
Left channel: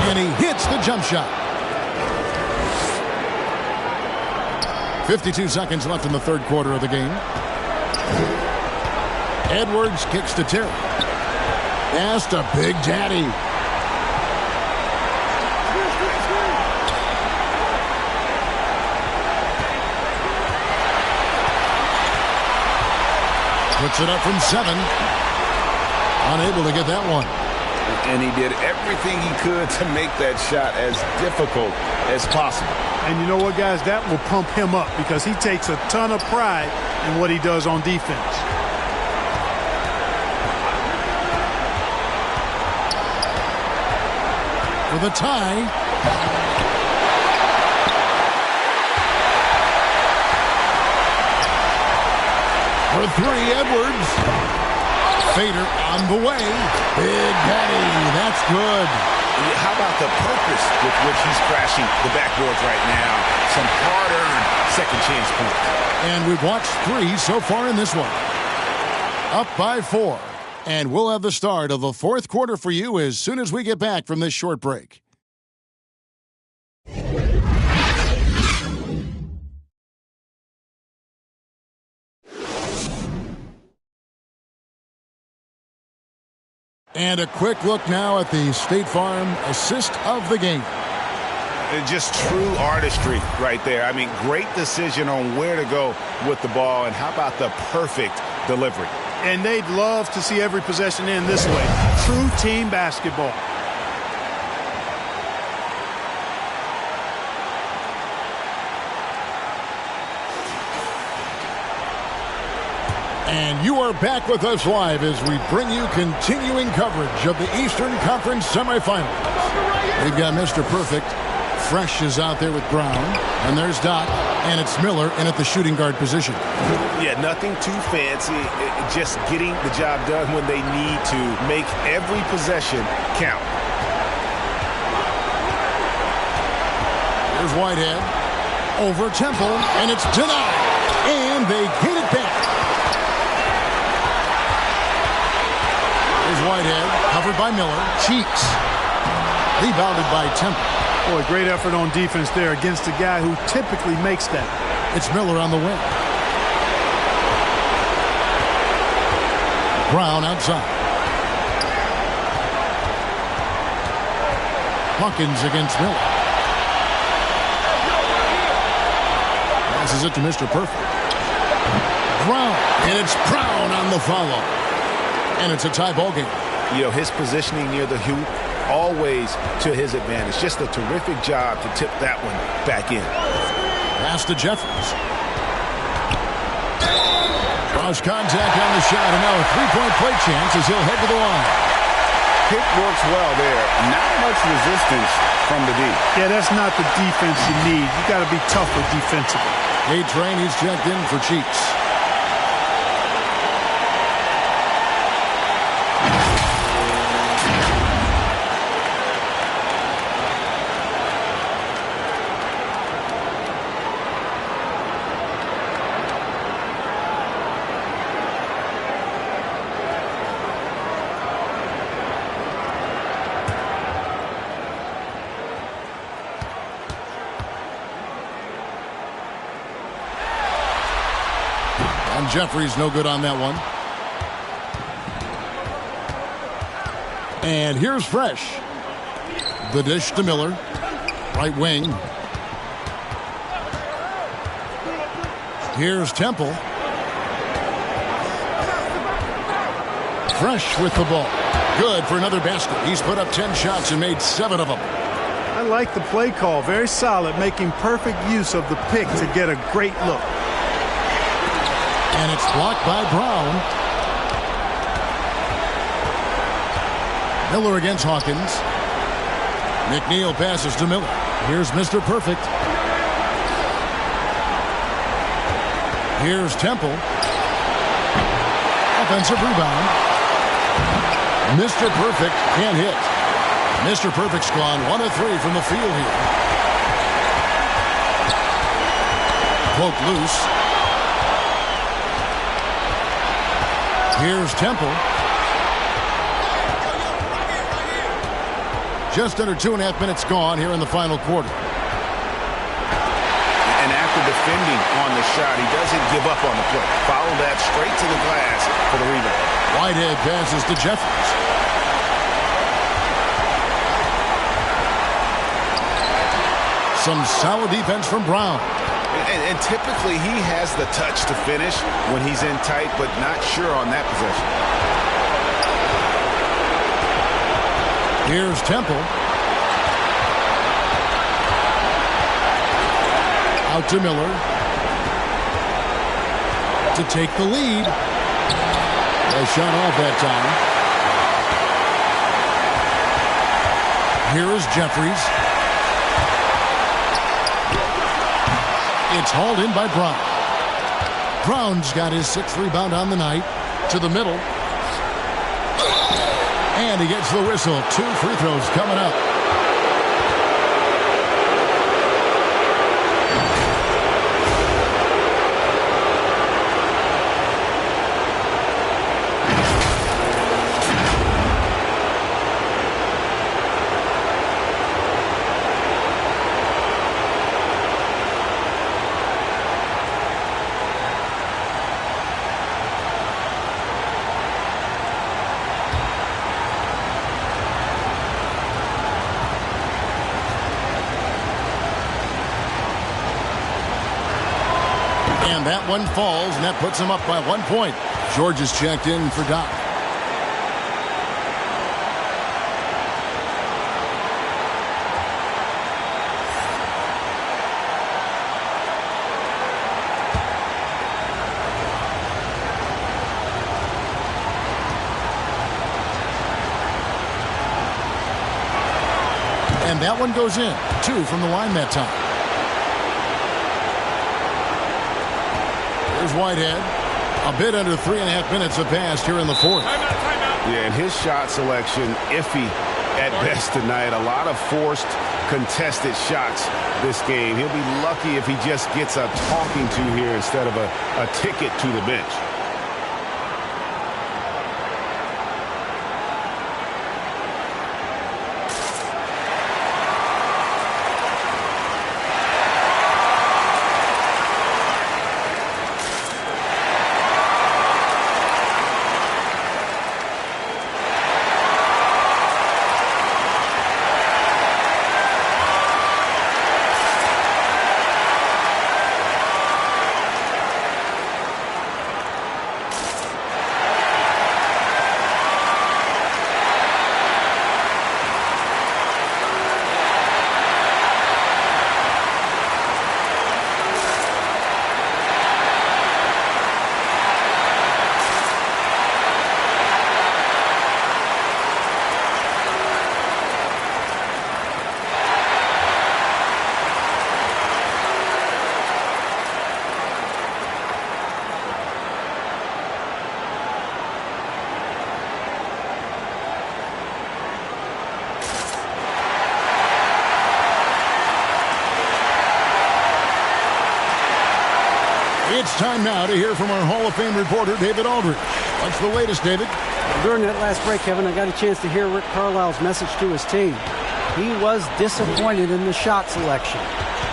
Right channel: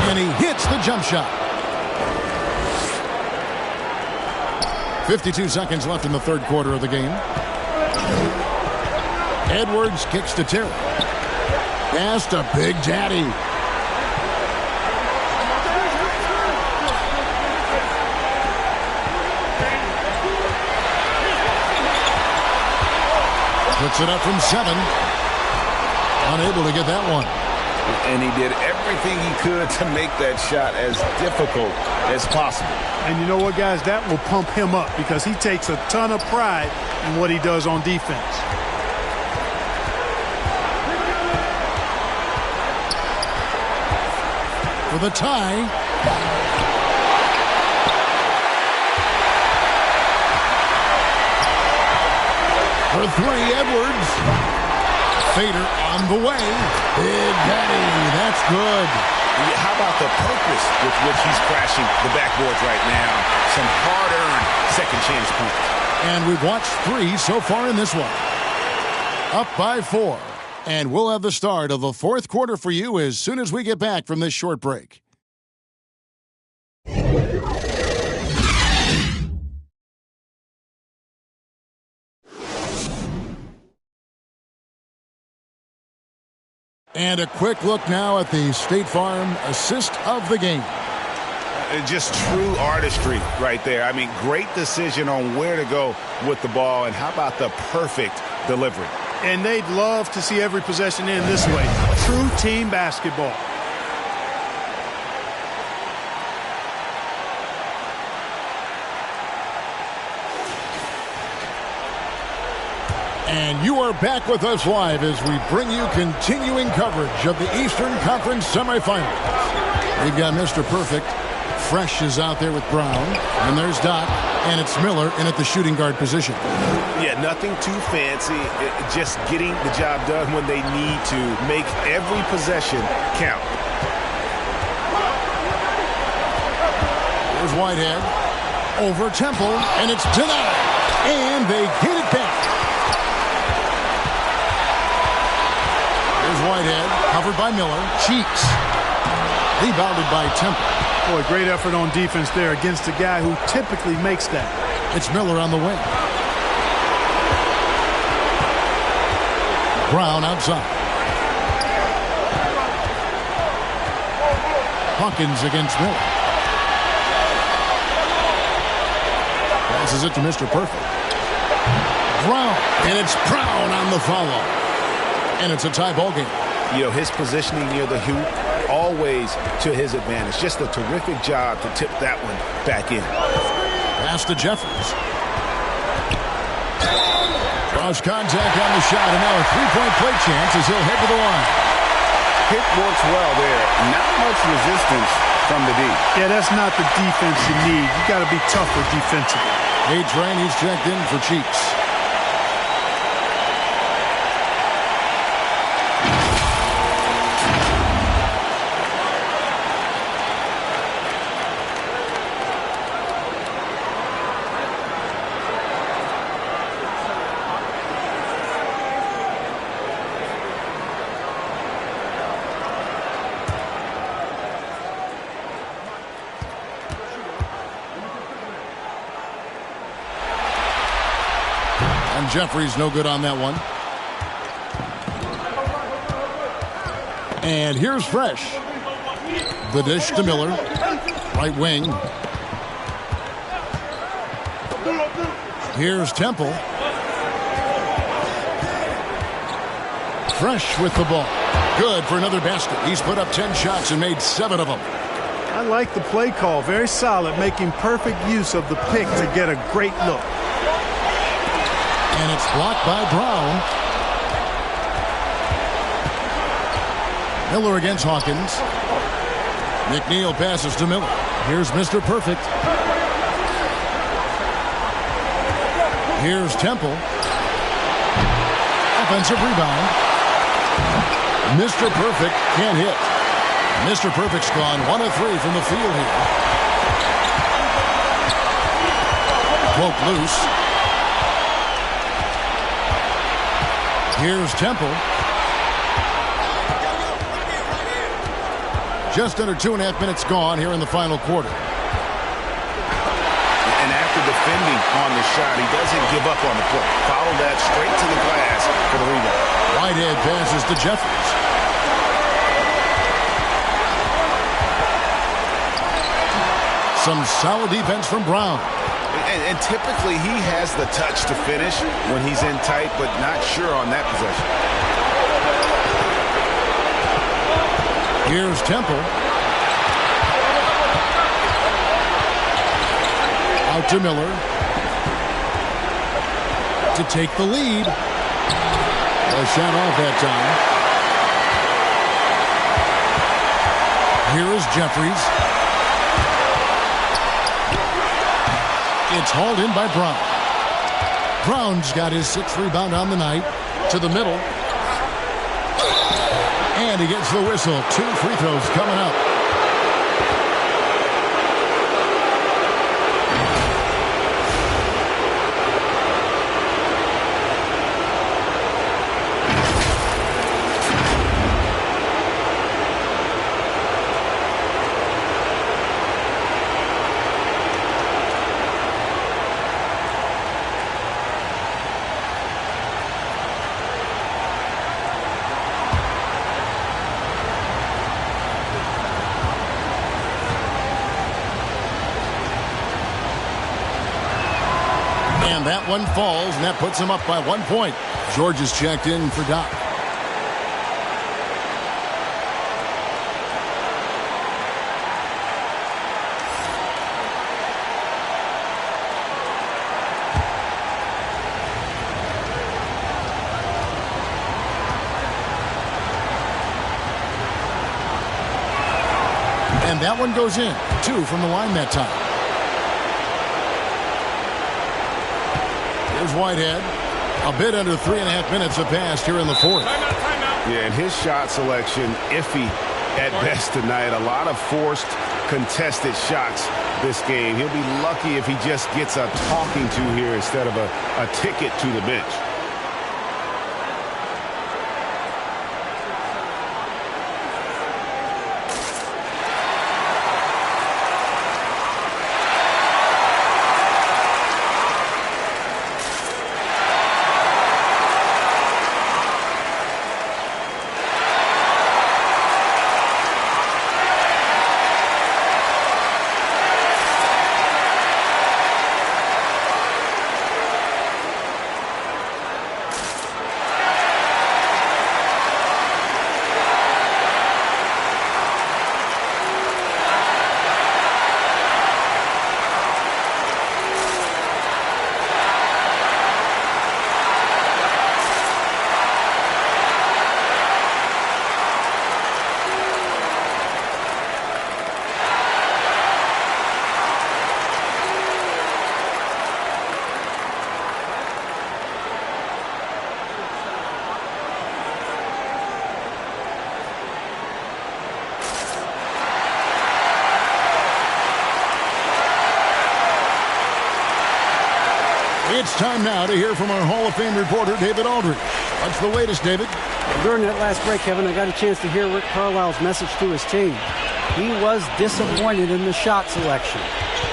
And he hits the jump shot. 52 seconds left in the third quarter of the game. Edwards kicks to Terry. Pass to Big Daddy. Puts it up from 7. Unable to get that one. And he did everything he could to make that shot as difficult as possible. And you know what, guys? That will pump him up because he takes a ton of pride in what he does on defense. For the tie. For 3, Edwards. Fader on the way. Big Daddy, that's good. How about the purpose with which he's crashing the backboards right now? Some hard-earned second chance points. And we've watched 3 so far in this one. Up by 4. And we'll have the start of the fourth quarter for you as soon as we get back from this short break. And a quick look now at the State Farm assist of the game. Just true artistry right there. I mean, great decision on where to go with the ball, and how about the perfect delivery? And they'd love to see every possession end this way. True team basketball. And you are back with us live as we bring you continuing coverage of the Eastern Conference semifinals. We've got Mr. Perfect. Fresh is out there with Brown. And there's Doc. And it's Miller in at the shooting guard position. Yeah, nothing too fancy. Just getting the job done when they need to. Make every possession count. Here's Whitehead. Over Temple. And it's denied. And they get it back. Here's Whitehead, covered by Miller. Cheeks. Rebounded by Temple. Boy, great effort on defense there against a guy who typically makes that. It's Miller on the wing. Brown outside. Hawkins against Miller. Passes it to Mr. Perfect. Brown. And it's Brown on the follow. And it's a tie ball game. You know, his positioning near the hoop, always to his advantage. Just a terrific job to tip that one back in. Pass to Jeffries. Cross contact on the shot, and now a three-point play chance as he'll head to the line. Pick works well there. Not much resistance from the D. Yeah, that's not the defense you need. You got to be tougher defensively. A-Train, he's checked in for Cheeks. And Jeffries no good on that one. And here's Fresh. The dish to Miller. Right wing. Here's Temple. Fresh with the ball. Good for another basket. He's put up 10 shots and made 7 of them. I like the play call. Very solid, making perfect use of the pick to get a great look. And it's blocked by Brown. Miller against Hawkins. McNeil passes to Miller. Here's Mr. Perfect. Here's Temple. Offensive rebound. Mr. Perfect can't hit. Mr. Perfect's gone 1 of 3 from the field here. Broke loose. Here's Temple. Just under 2.5 minutes gone here in the final quarter. And after defending on the shot, he doesn't give up on the play. Follow that straight to the glass for the rebound. Whitehead passes to Jeffries. Some solid defense from Brown. And typically he has the touch to finish when he's in tight, but not sure on that possession. Here's Temple. Out to Miller. To take the lead. A shot off that time. Here is Jeffries. It's hauled in by Brown. Brown's got his 6th rebound on the night. To the middle. And he gets the whistle. 2 free throws coming up. that one falls, and that puts them up by 1 point. George is checked in for Doc. And that one goes in. 2 from the line that time. Here's Whitehead. A bit under 3.5 minutes have passed here in the fourth. Timeout. Yeah, and his shot selection iffy at best tonight. A lot of forced, contested shots this game. He'll be lucky if he just gets a talking to here instead of a ticket to the bench. It's time now to hear from our Hall of Fame reporter, David Aldridge. What's the latest, David? During that last break, Kevin, I got a chance to hear Rick Carlisle's message to his team. He was disappointed in the shot selection.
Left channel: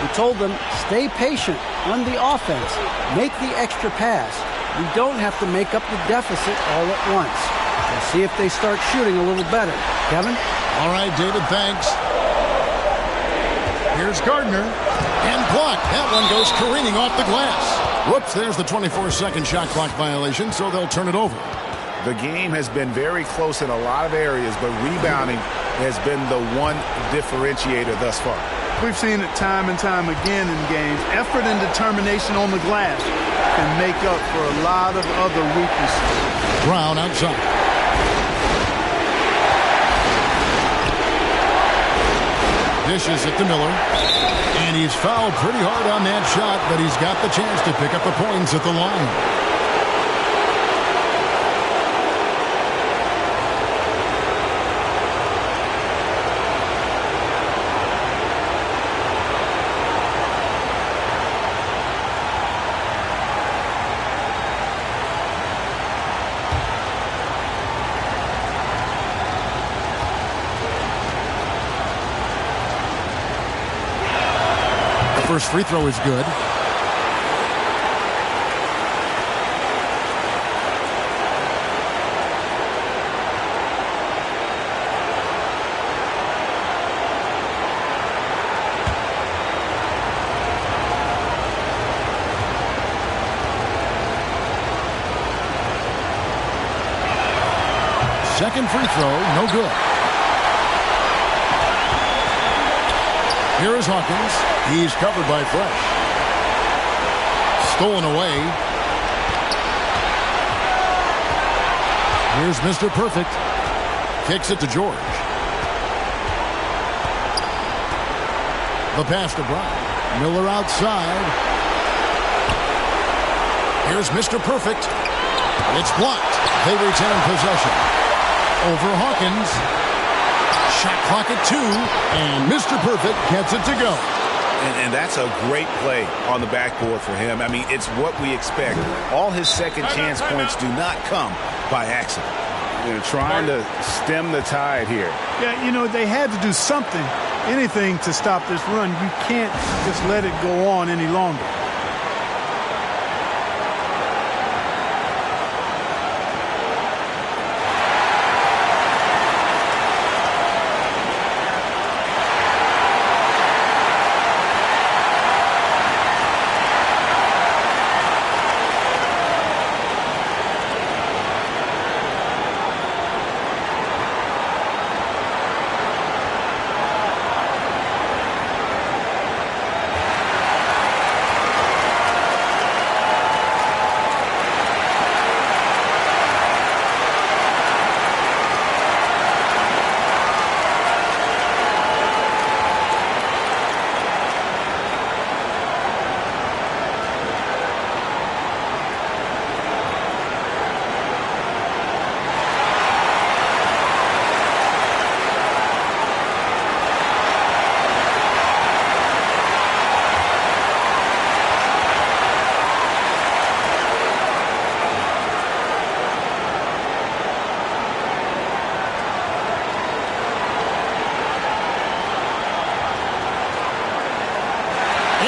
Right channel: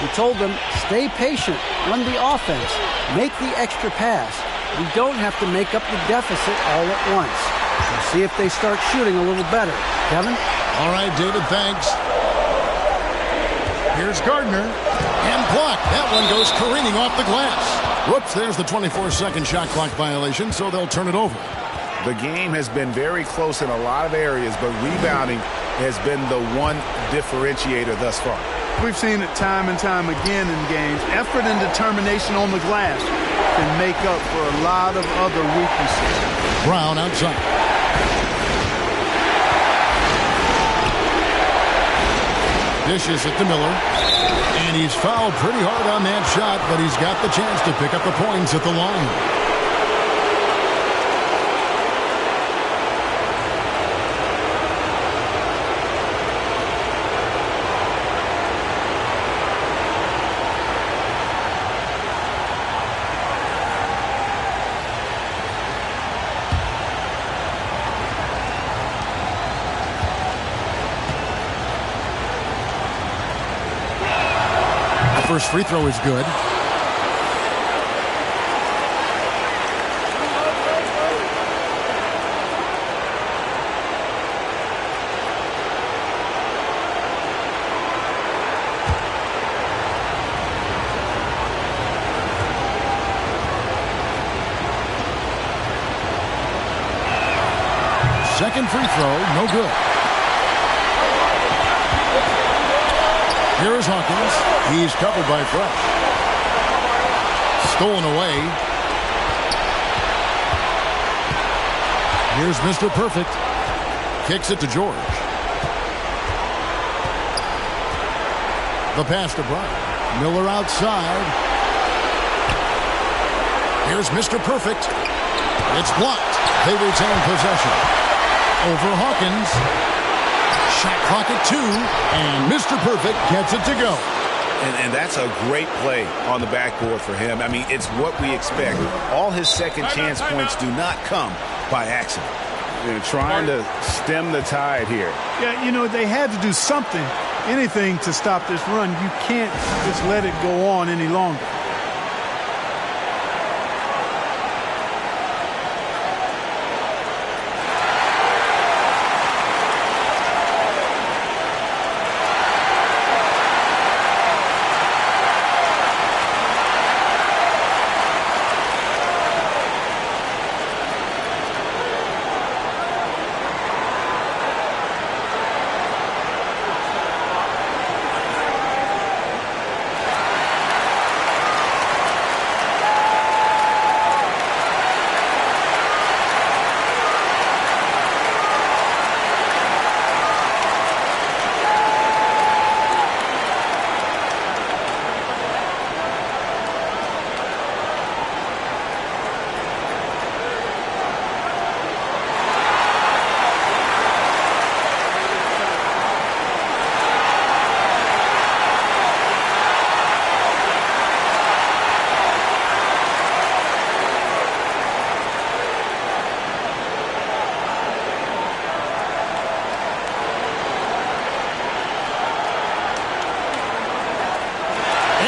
He told them, stay patient, run the offense, make the extra pass. We don't have to make up the deficit all at once. We'll see if they start shooting a little better. Kevin? All right, David, thanks. Here's Gardner. And blocked. That one goes careening off the glass. Whoops, there's the 24-second shot clock violation, so they'll turn it over. The game has been very close in a lot of areas, but rebounding has been the one differentiator thus far. We've seen it time and time again in games. Effort and determination on the glass can make up for a lot of other weaknesses. Brown outside. Dishes it to Miller. And he's fouled pretty hard on that shot, but he's got the chance to pick up the points at the line. First free throw is good. Second free throw, no good. Here is Hawkins. He's covered by Fresh. Stolen away. Here's Mr. Perfect. Kicks it to George. The pass to Bryant. Miller outside. Here's Mr. Perfect. It's blocked. They retain possession. Over Hawkins. Shot clock at 2, and Mr. Perfect gets it to go. And that's a great play on the backboard for him. I mean, it's what we expect. All his second chance points do not come by accident. They're trying to stem the tide here. Yeah, you know, they had to do something, anything to stop this run. You can't just let it go on any longer.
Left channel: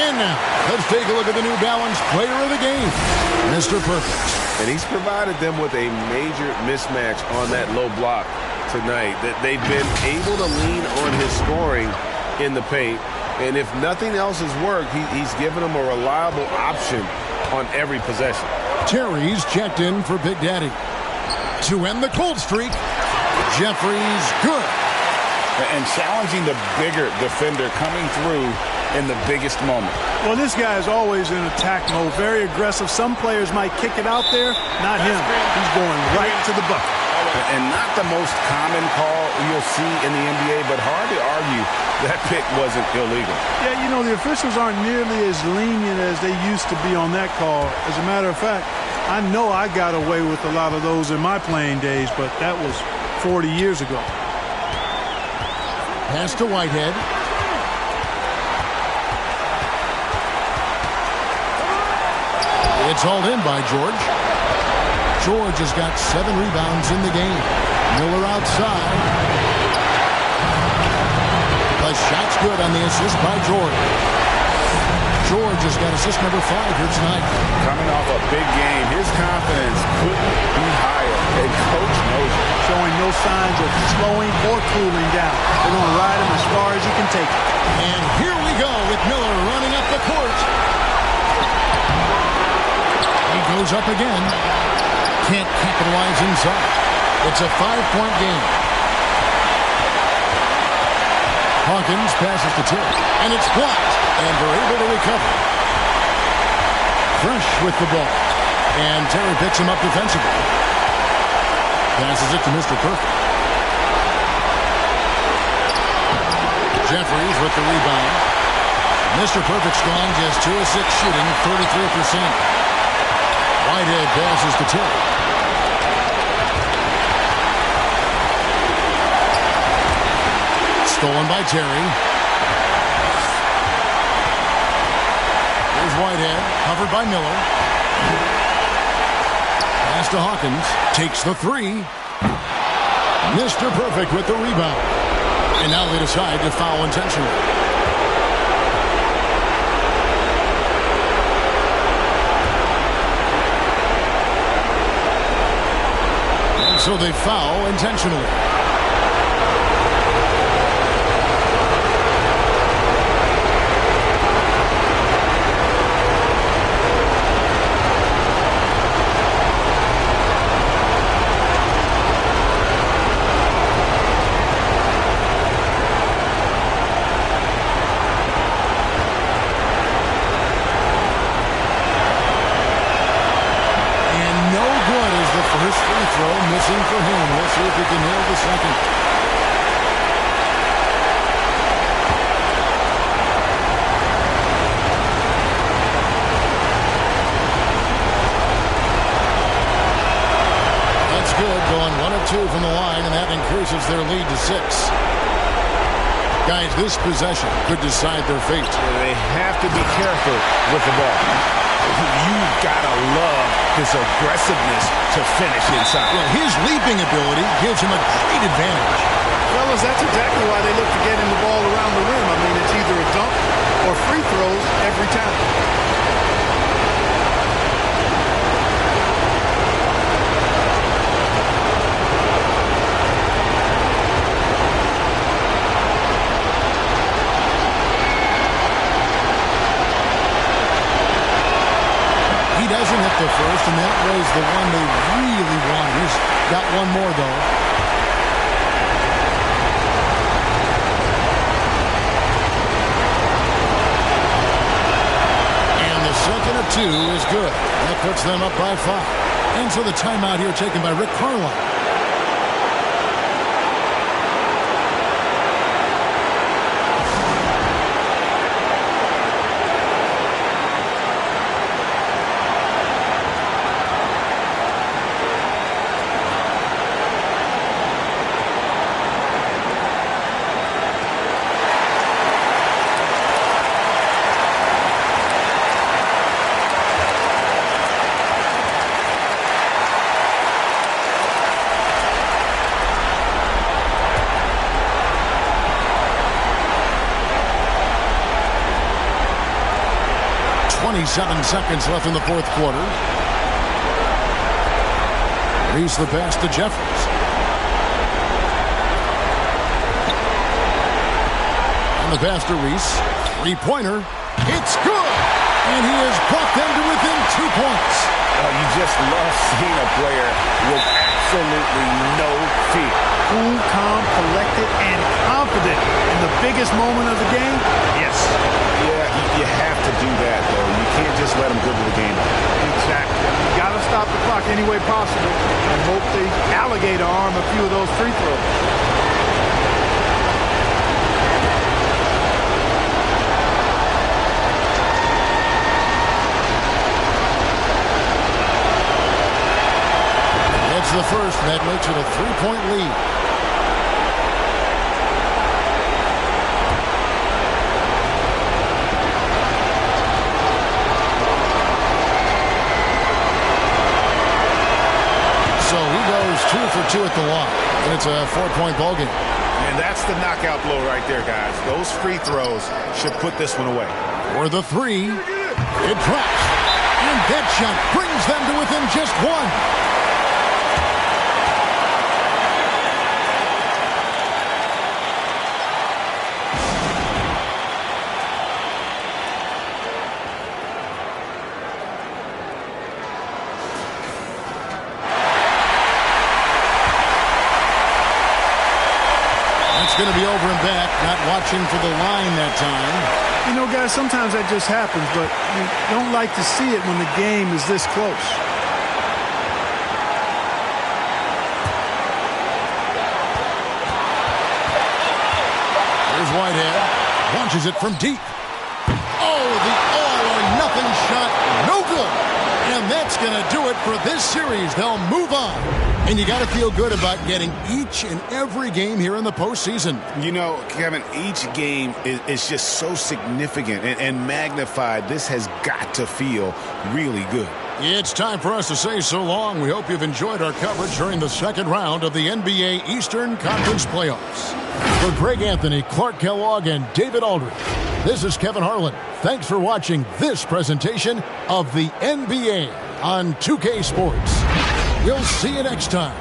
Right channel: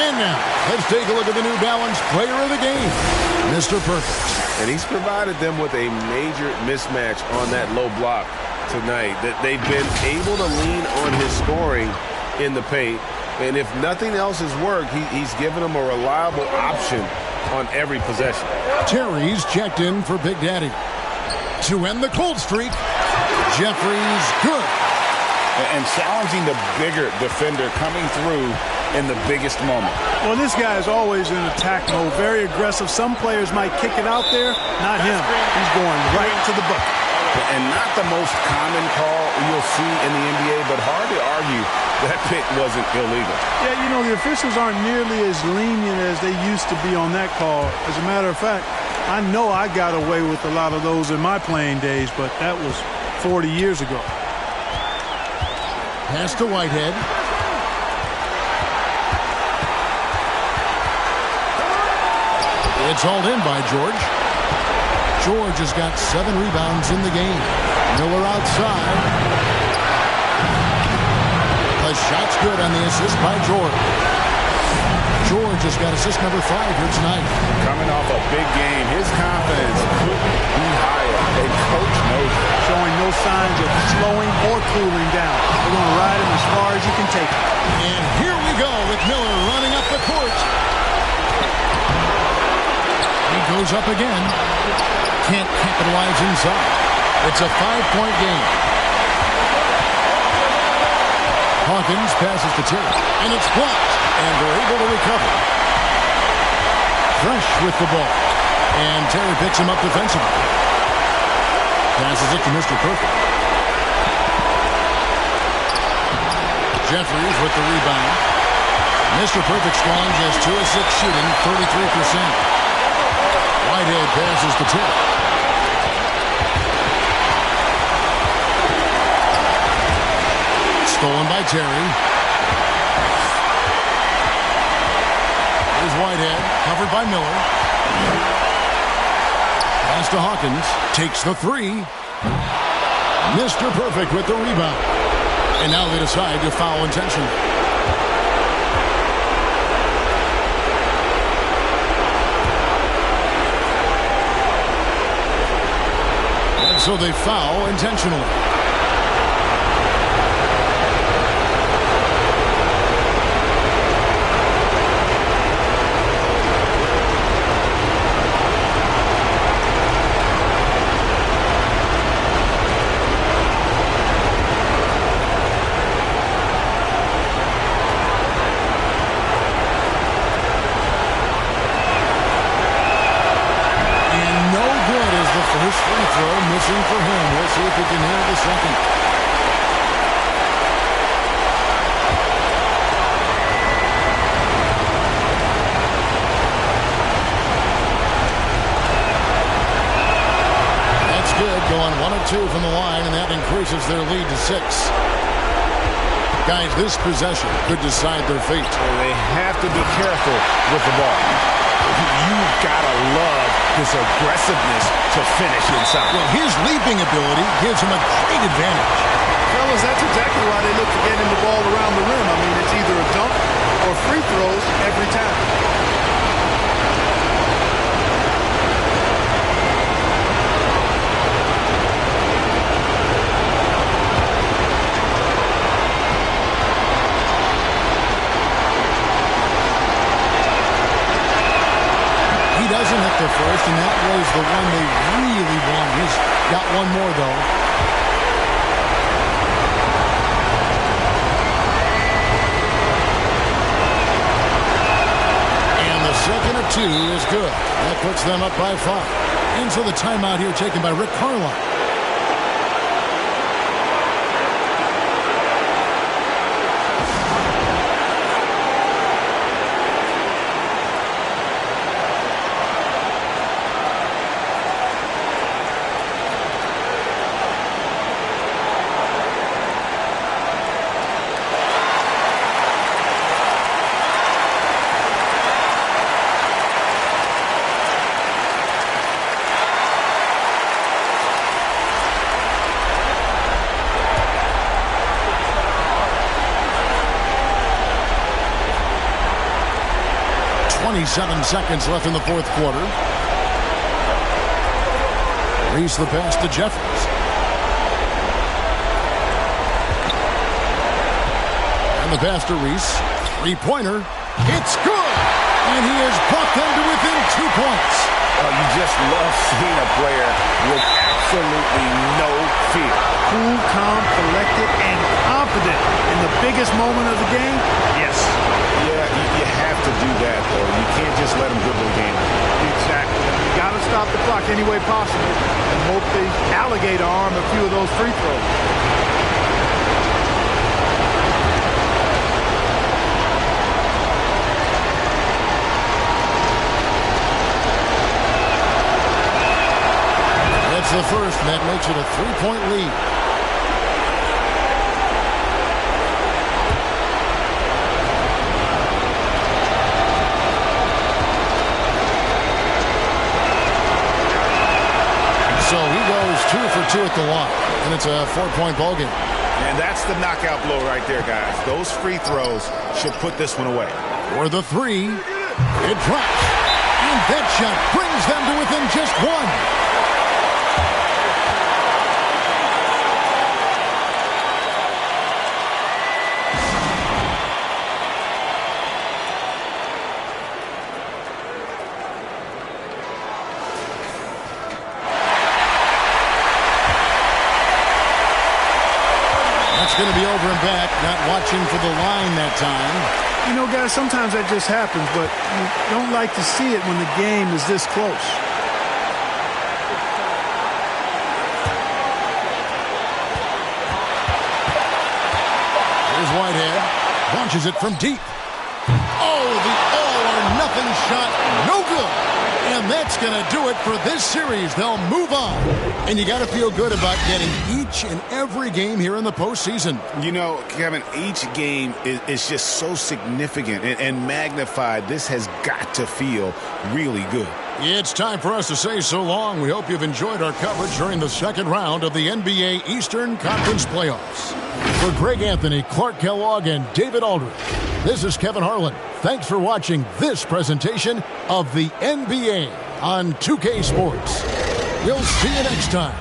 And now, let's take a look at the New Balance Player of the Game, Mr. Perfect. And he's provided them with a major mismatch on that low block tonight. That they've been able to lean on his scoring in the paint. And if nothing else has worked, he's given them a reliable option on every possession. Terry's checked in for Big Daddy. To end the cold streak, Jeffries good. And challenging the bigger defender coming through in the biggest moment. Well, this guy is always in attack mode, very aggressive. Some players might kick it out there, not him. He's going right to the bucket. And not the most common call you'll see in the NBA, but hard to argue that pick wasn't illegal. Yeah, you know, the officials aren't nearly as lenient as they used to be on that call. As a matter of fact, I know I got away with a lot of those in my playing days, but that was 40 years ago. Pass to Whitehead. It's hauled in by George. George has got 7 rebounds in the game. Miller outside. The shot's good on the assist by George. George has got assist number 5 here tonight. Coming off a big game, his confidence couldn't be higher. And coach knows it. Showing no signs of slowing or cooling down. They're going to ride him as far as he can take him. And here we go with Miller running up the court. He goes up again. Can't capitalize inside. It's a 5-point game. Hawkins passes to Terry, and it's blocked, and they're able to recover. Fresh with the ball, and Terry picks him up defensively. Passes it to Mr. Perfect. Jeffries with the rebound. Mr. Perfect's gone just 2 of 6 shooting, 33%. Whitehead passes to Terry. Stolen by Terry. Here's Whitehead, covered by Miller. Pass to Hawkins. Takes the 3. Mr. Perfect with the rebound. And now they decide to foul intentionally. And so they foul intentionally. First free throw missing for him. We'll see if he can nail the second. That's good. Going 1 of 2 from the line, and that increases their lead to 6. Guys, this possession could decide their fate. They have to be careful with the ball. You've got to love his aggressiveness to finish inside. Well, his leaping ability gives him a great advantage. Fellas, that's exactly why they look to get him the ball around the rim. I mean, it's either a dunk or free throws every time. He doesn't hit the first, and that was the one they really wanted. He's got one more, though. And the second of 2 is good. That puts them up by 5. And so the timeout here taken by Rick Carlisle. 27 seconds left in the fourth quarter. Reese the pass to Jeffries. And the pass to Reese. Three-pointer. It's good! And he has brought them to within 2 points. Oh, you just love seeing a player with absolutely no fear. Cool, calm, collected, and confident in the biggest moment of the game? Yes. Yeah, you have to do that, though. You can't just let them dribble the game out. Exactly. I mean, you got to stop the clock any way possible and hope they alligator arm a few of those free throws. It's the first, and that makes it a 3-point lead. So he goes 2 for 2 at the line, and it's a 4-point ball game. And that's the knockout blow right there, guys. Those free throws should put this one away. For the three, it drops, and that shot brings them to within just one. It's going to be over and back, not watching for the line that time. You know, guys, sometimes that just happens, but you don't like to see it when the game is this close. Here's Whitehead. Launches it from deep. Oh, the all-or-nothing shot. No good. And that's going to do it for this series. They'll move on. And you got to feel good about getting each and every game here in the postseason. You know, Kevin, each game is just so significant and magnified. This has got to feel really good. It's time for us to say so long. We hope you've enjoyed our coverage during the second round of the NBA Eastern Conference Playoffs. For Greg Anthony, Clark Kellogg, and David Aldridge, this is Kevin Harlan. Thanks for watching this presentation of the NBA on 2K Sports. We'll see you next time.